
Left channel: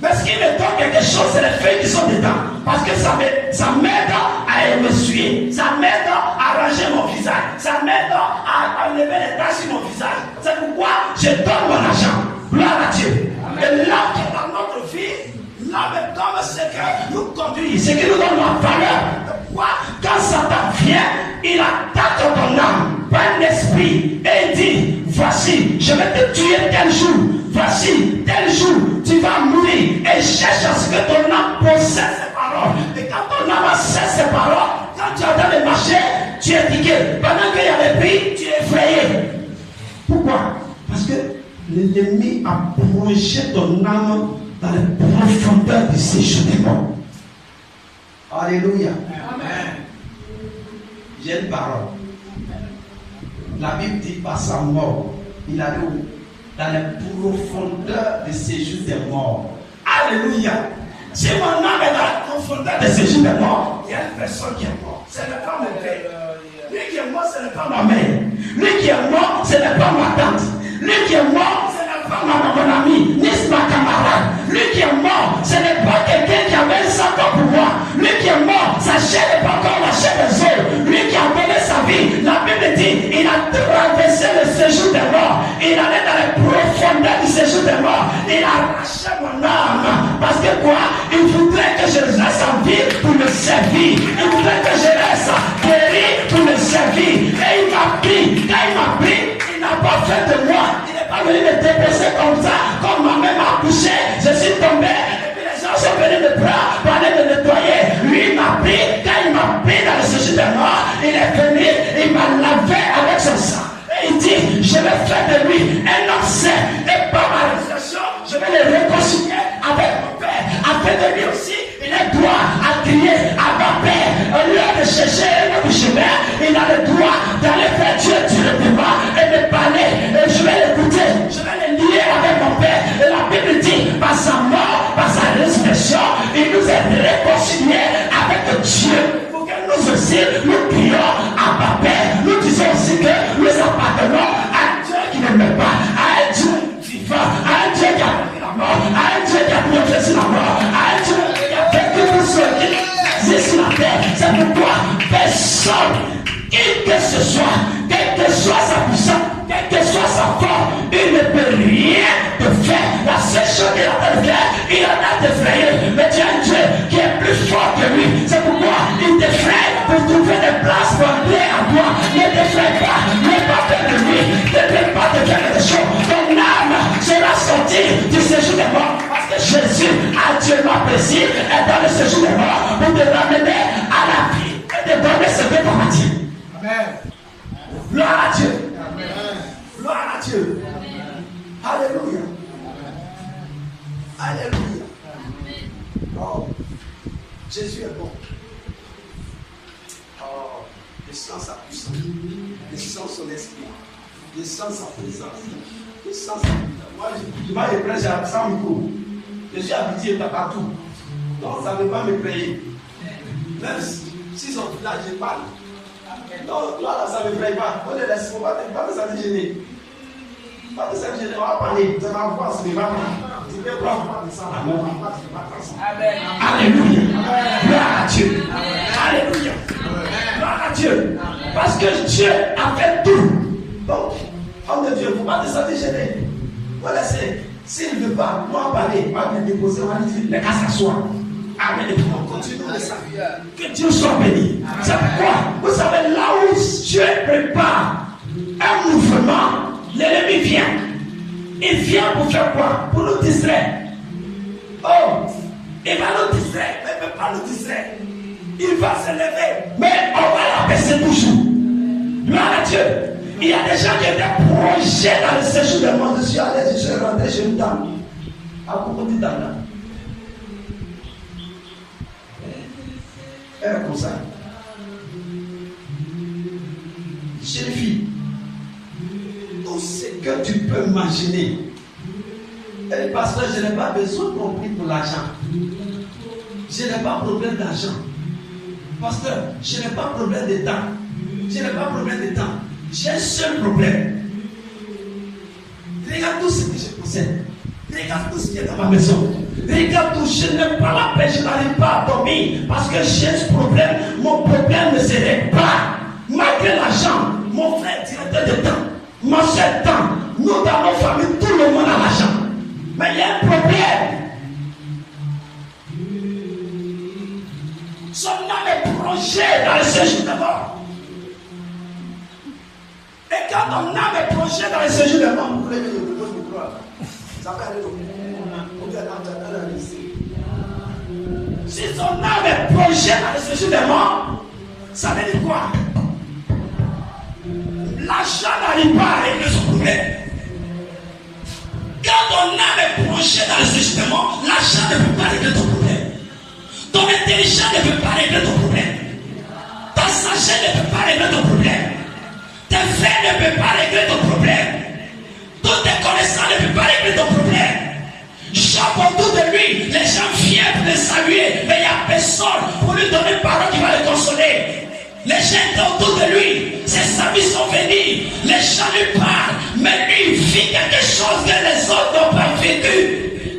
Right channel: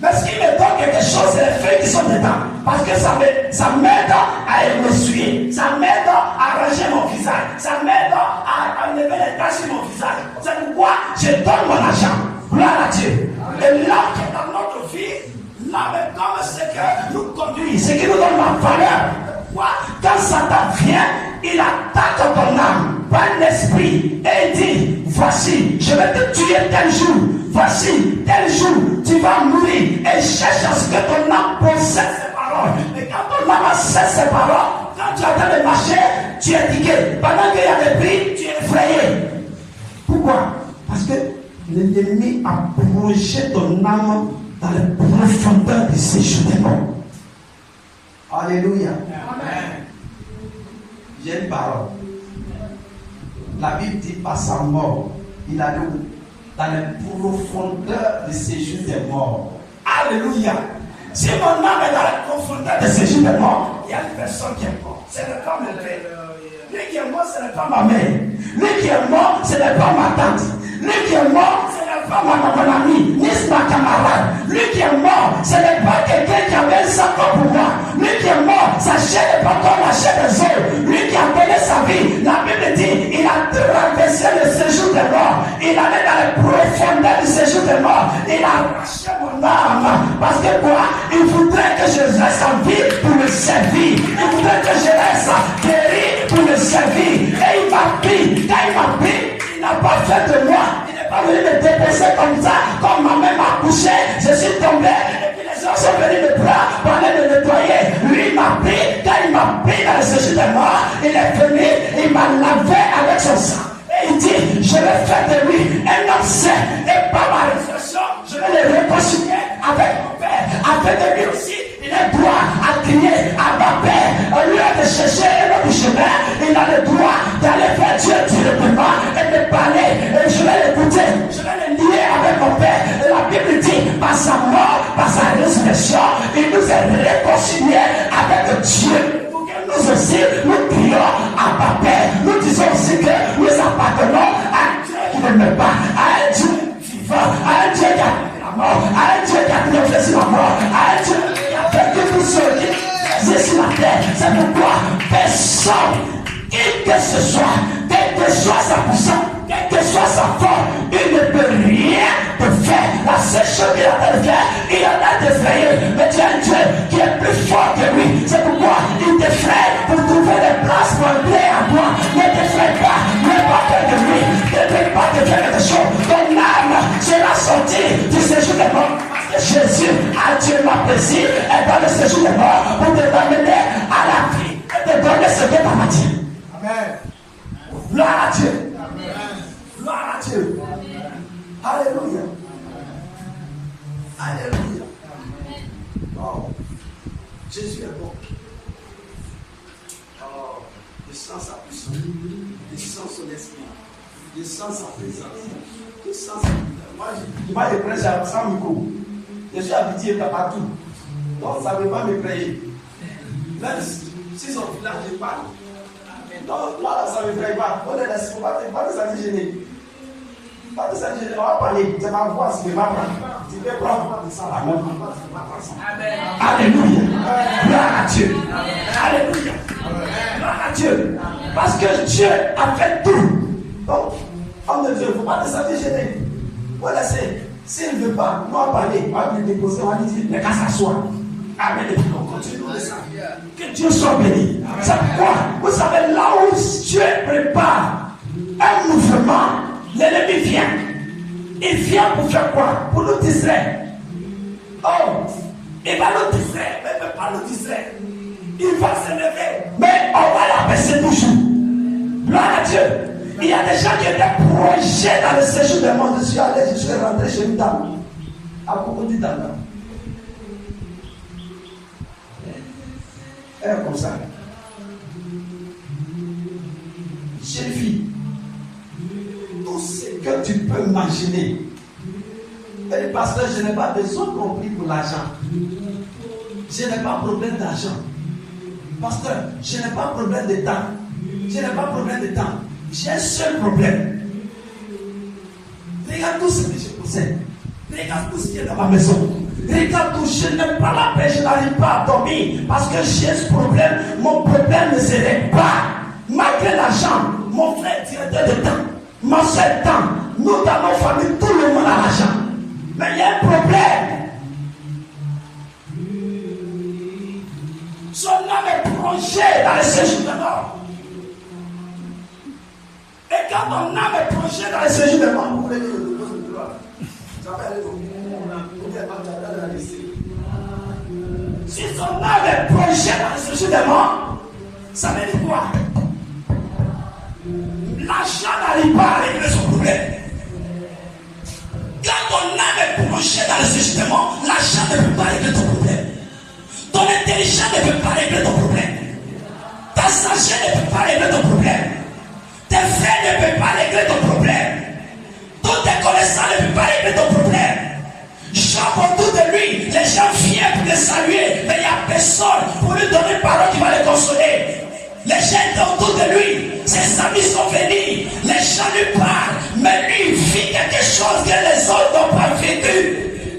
Mais ce qui me donne quelque chose, c'est les feuilles qui sont dedans. Parce que ça m'aide à m'essuyer. Ça m'aide à arranger mon visage. Ça m'aide à enlever les taches sur mon visage. C'est pourquoi je donne mon argent. Gloire à Dieu. Et là, dans notre vie, là, même comme ce qui nous conduit, ce qui nous donne la valeur. Pourquoi? Quand Satan vient, il attaque ton âme par l'esprit et il dit, voici, je vais te tuer tel jour. Voici, tel jour, tu vas mourir. Et cherche à ce que ton âme possède ces paroles. Et quand ton âme possède ces paroles, quand tu attends de marcher, tu es piqué. Pendant qu'il y a des prix, tu es effrayé. Pourquoi? Parce que l'ennemi a plongé ton âme dans les profondeurs du séjour des morts. Alléluia. Amen. J'ai une parole. La Bible dit par sa mort, il a dit dans les profondeurs du séjour des morts. Alléluia. Si mon âme est dans la profondeur du séjour des morts, il y a une personne qui est morte. Ce n'est pas mon père. Lui qui est mort, ce n'est pas ma mère. Lui qui est mort, ce n'est pas ma tante. Lui qui est mort, ce n'est pas mon ami, ni ma camarade. Lui qui est mort, ce n'est pas quelqu'un qui avait un sac pour moi. Lui qui est mort, sa chair n'est pas comme la chair des autres. Lui qui a donné sa vie, la Bible dit, il a traversé le séjour des morts. Il allait dans les profondeurs du séjour des morts. Il a arraché mon âme. Parce que quoi? Il voudrait que je reste en vie pour le servir. Il voudrait que je reste guéri pour le servir. Et il m'a pris. Quand il m'a pris, il n'a pas fait de moi. Il n'est pas venu me déposer comme ça. Comme ma mère m'a couché, je suis tombé. Et puis les gens sont venus de bras pour aller me nettoyer. Lui, il m'a pris. Quand il m'a pris dans le séjour des morts, il est venu, il m'a lavé avec son sang. Et il dit, je vais faire de lui un homme saint. Et par ma résurrection, je vais le réconcilier avec mon Père. Afin de lui aussi, il a le droit à crier à ma Père. Au lieu de chercher un autre chemin, il a le droit d'aller faire Dieu directement et me parler. Et je vais l'écouter. Je vais le lier avec mon Père. personne, qui que ce soit, quelle que soit sa puissance, quelle que soit sa force, il ne peut rien te faire. La seule chose qu'il a à faire, il a à te faire. Mais tu as un Dieu qui est plus fort que lui. C'est pourquoi il te fait pour trouver des places pour entrer à toi. Ne te fais pas, ne pas faire de lui, ne te pas te faire de choses. Ton âme sera sortie du séjour des morts. Parce que Jésus a Dieu m'apprécie et dans le séjour des morts pour te ramener à la vie et te donner ce que tu as dit. Amen. Gloire à Dieu. Amen. Gloire à Dieu. Alléluia. Alléluia. Oh, Jésus est bon. Oh, descends sa puissance. Descends son esprit. Descends sa présence. Descends sa puissance. Moi, je prêche sans micro. Je suis habitué partout. Donc, ça ne veut pas me créer. Même si son village, je parle. Donc, là, ça ne me fraye pas. On est laissé. Pas de sentir gêné. Pas de sentir gêné. On va parler. C'est ma voix, c'est ma voix. Tu peux prendre ça là. Alléluia. Gloire à Dieu. Alléluia. Gloire à Dieu. Parce que Dieu a fait tout. Donc, homme de Dieu, il ne faut pas te sentir gêné. On laisser. S'il ne veut pas, on va parler. On va lui déposer. On va lui dire, mais qu'à s'asseoir. Amen. Et puis on continue de ça. Que Dieu soit béni. C'est pourquoi, vous savez, là où Dieu prépare un mouvement, l'ennemi vient. Il vient pour faire quoi? Pour nous distraire. Oh, il va nous distraire, mais il ne peut pas nous distraire. Il va se lever, mais on va l'abaisser toujours. Gloire à Dieu. Il y a des gens qui étaient projetés dans le séjour des mondes. Je suis rentré chez une dame. À propos de dame. Elle est comme ça. Jeune fille, tout ce que tu peux imaginer. Elle dit, pasteur, je n'ai pas besoin qu'on prie pour l'argent. Je n'ai pas problème d'argent. Pasteur, je n'ai pas problème de temps. Je n'ai pas problème de temps. J'ai un seul problème. Regarde tout ce que je possède. Regarde tout ce qui est dans ma maison. Regarde tout, je n'aime pas la paix, je n'arrive pas à dormir parce que j'ai ce problème. Mon problème ne se règle pas. Malgré l'argent, mon frère directeur de temps, ma soeur temps, nous dans nos familles, tout le monde a l'argent. Mais il y a un problème. Son âme est plongée dans le séjour des morts. Et quand ton âme est plongée dans le séjour des morts, vous voulez dire le repos de gloire. Ça peut aller au si son âme est plongée dans le séjour des morts, ça veut dire quoi? L'argent n'arrive pas à régler son problème. Quand ton âme est plongée dans le séjour des morts, l'argent ne peut pas régler ton problème. Ton intelligence ne peut pas régler ton problème. Ta sagesse ne peut pas régler ton problème. Tes frères ne peuvent pas régler ton problème. Toutes tes connaissances ne peuvent pas régler ton problème. Jean autour de lui, les gens viennent pour le saluer, mais il n'y a personne pour lui donner une parole qui va le consoler. Les gens étaient autour de lui, ses amis sont venus, les gens lui parlent, mais lui il vit quelque chose que les autres n'ont pas vécu.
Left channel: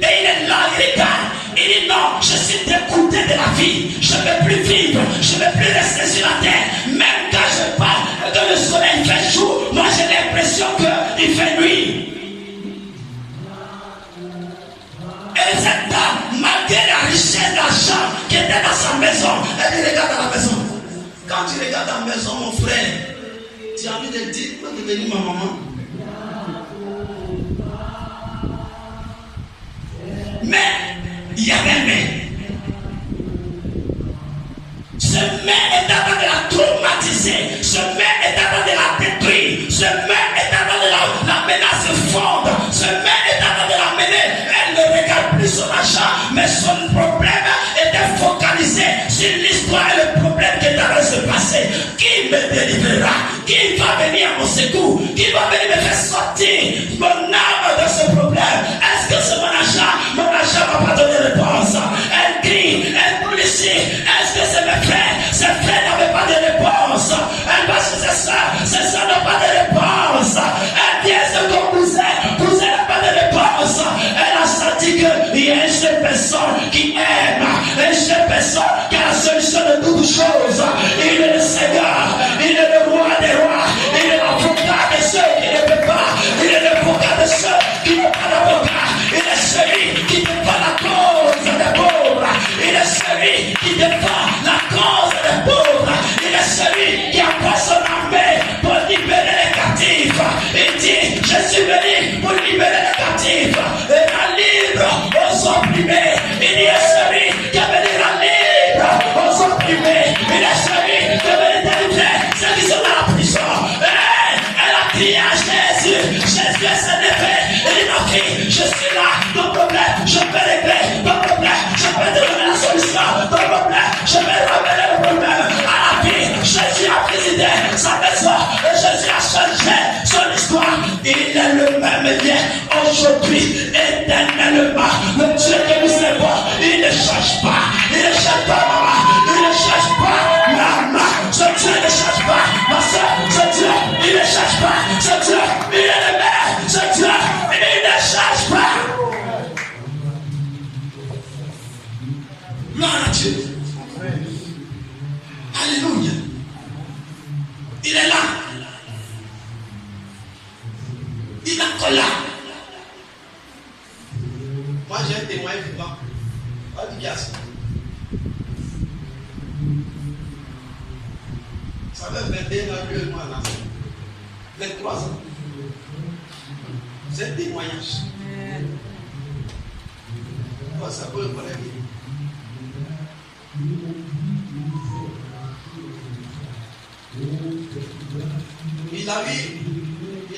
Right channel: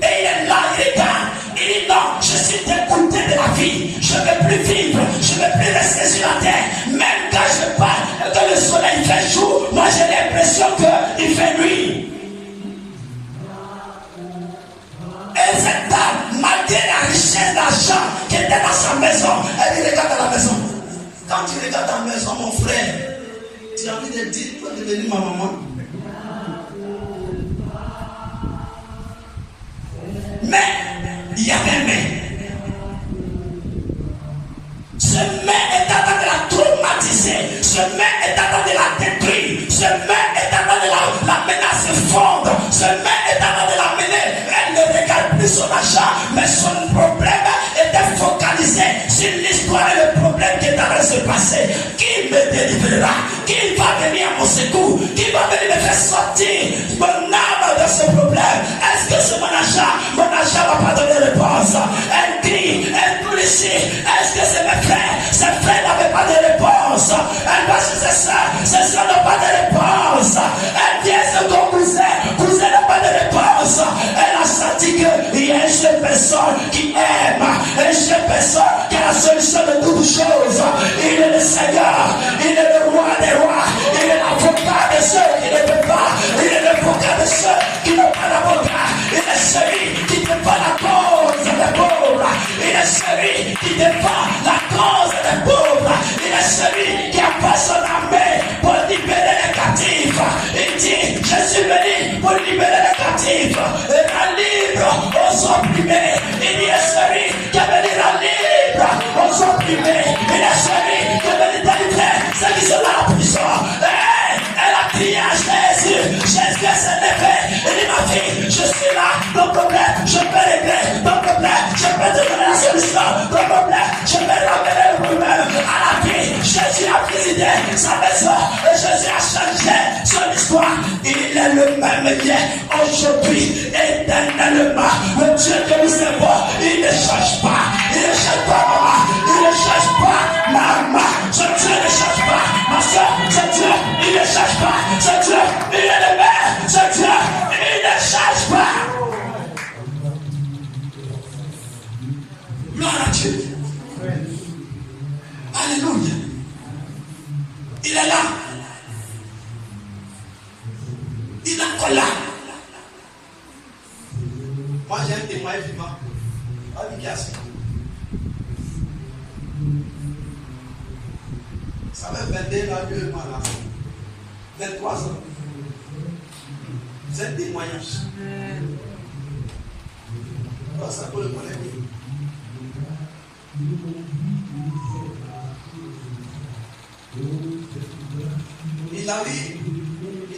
Et il est là, il regarde, il dit non, je suis dégoûté de la vie, je ne veux plus vivre, je ne veux plus rester sur la terre. Même quand je parle et que le soleil fait jour, moi j'ai l'impression qu'il fait nuit. Et cette dame, malgré la richesse d'argent qui était dans sa maison, elle dit regarde dans la maison. Quand tu regardes dans la maison, mon frère, tu as envie de dire, tu peux devenir ma maman. Mais, il y a un mais. Ce mais est en train de la traumatiser. Ce mais est en train de la détruire. Ce mais est en train de la menacer fondre. Ce mais est en train de la mener. Elle ne regarde plus son argent, mais son problème était focalisé sur l'histoire et le problème qui est en train de se passer. Qui me délivrera? Qui va venir à mon secours? Qui va venir me faire sortir mon âme de ce problème? Est-ce que c'est mon argent? Mon argent ne va pas donner réponse. Elle crie, elle pleure. Est-ce que c'est mes frères? Ses frères n'avaient pas de réponse. Elle va chez ses soeurs n'ont pas de réponse. Elle vient se cousin n'a pas de réponse. Elle a senti qu'il y a une seule personne qui aime, une seule personne qui a la solution de toutes choses. Il est le Seigneur. celui qui défend la cause des pauvres. Il est celui qui a fait son armée pour libérer les captifs. Il dit, je suis venu pour libérer les captifs et la libre aux opprimés. Il est celui qui a venu la libre aux opprimés. Il est celui qui a venu délivrer ceux qui sont dans la prison. Elle a crié à Jésus. Jésus s'est levé. Il dit, ma fille, je suis là. Ton problème, je peux régler. Ton problème, je peux te donner la solution. Ton problème, je vais ramener le problème à la vie. Jésus a présidé sa maison et Jésus a changé son histoire. Il est le même lien aujourd'hui, éternellement. Le Dieu que nous servons, il ne change pas. Il ne change pas, maman. Il ne change pas, maman. Ce Dieu ne change pas, ma soeur. Ce Dieu, il ne change pas. Ce Dieu, il est le même. Ce Dieu, il ne change pas. Gloire à Dieu. Alléluia. Il est là. Il est encore là. Moi j'ai un témoin vivant. Ça fait 21 ans, 2 mois là. 23 ans. C'est un témoignage. Oh, ça peut le connaître. Il allait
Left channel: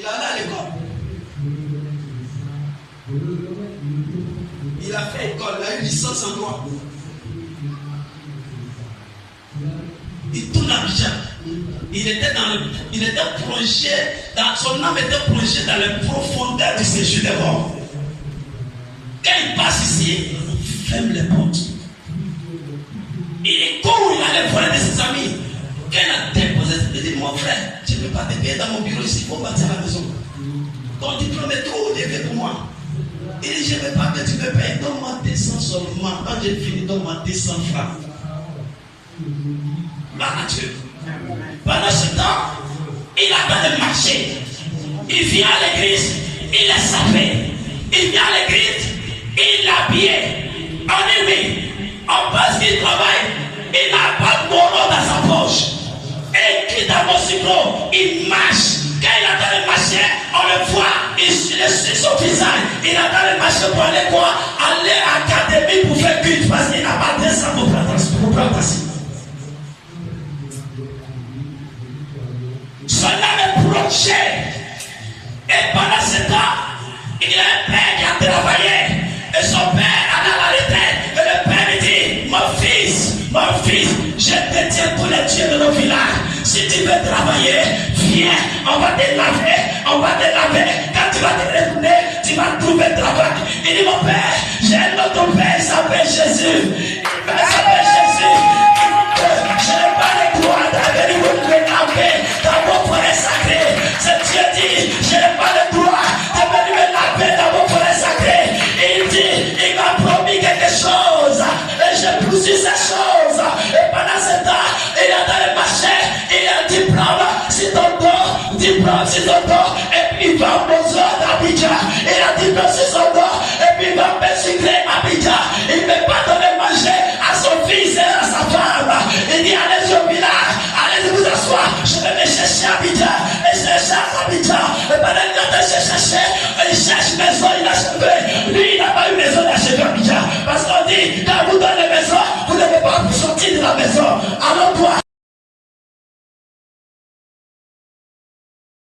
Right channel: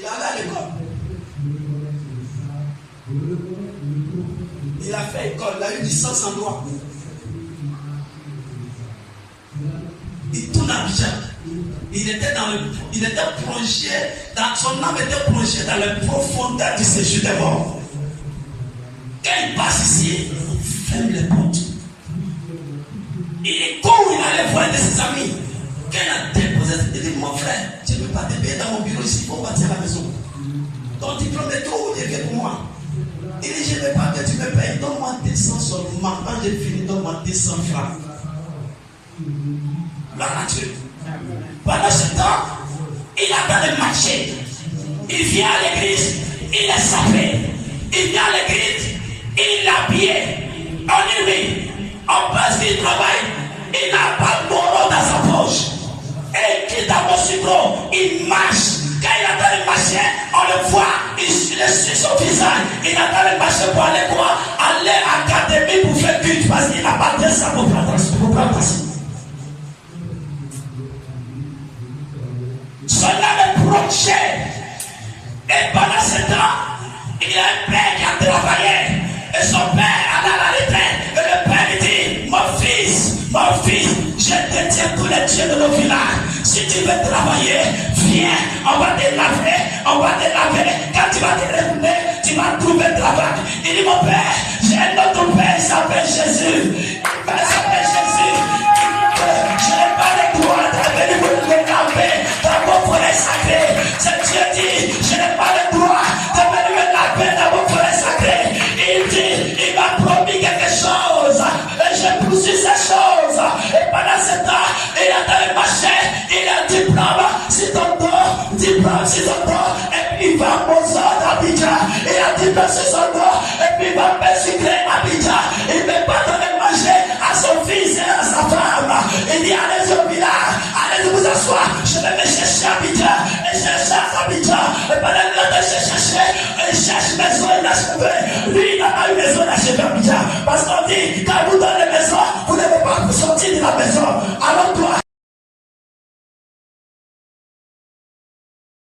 à l'école. Il a fait école, il a eu licence en droit. Il tourne à Abidjan. Il était plongé, son âme était plongée dans les profondeurs du séjour des morts. Quand il passe ici, il ferme les portes. Il court, il allait voir de ses amis. Quand il a déposé, il dit, mon frère, tu ne peux pas te payer dans mon bureau ici, il faut bâtir la maison. Ton diplôme est trop élevé pour moi. Il dit, je ne veux pas que tu me payes, donne-moi 200 seulement. Quand j'ai fini, donne-moi 200 francs. La nature. Pendant ce temps, il attend le marché. Il vient à l'église, il est sapé. Il vient à l'église, il est habillé. On est mis. On passe qu'il travaille, il n'a pas de bourreau dans sa poche. Et qui dans mon cyclo, il marche. Quand il attend le marché, on le voit, il suit son visage. Il attend le marché pour aller quoi? Aller à l'académie pour faire culte parce qu'il n'a pas de ça pour prendre passer. Son âme est plongé. Et pendant ce temps, il a un père qui a travaillé. Et son père a dans la retraite. Et le père lui dit, mon fils, je détiens tous les dieux de nos villages. Si tu veux travailler, viens, on va te laver. Quand tu vas te retourner, tu vas trouver un travail. Il dit, mon père, j'ai un autre père, il s'appelle Jésus. Je n'ai pas le droit d'aller vous laver dans vos forêts sacrées. C'est Dieu dit, je n'ai pas le droit de venir me laver dans vos forêts sacrées. Il dit, il m'a promis quelque chose. Et j'ai poussé ces choses. Et pendant ce temps, il est dans le marché. Il a un diplôme sur ton dos. Diplôme sur ton dos. Et puis il va à Mozo d'Abidjan. Il a diplôme sur son dos. Et puis il va persécuter Abidjan. Il ne peut pas donner manger à son fils et à sa femme. Il dit, allez au village. Allez vous asseoir. Je vais chercher Abidjan. Et je cherche Abidjan. Et pendant que je cherche, il cherche maison inachevée. Lui, il n'a pas eu maison inachevée à Abidjan. Parce qu'on dit, quand vous donnez maison, vous ne pouvez pas sortir de la maison. Alors toi,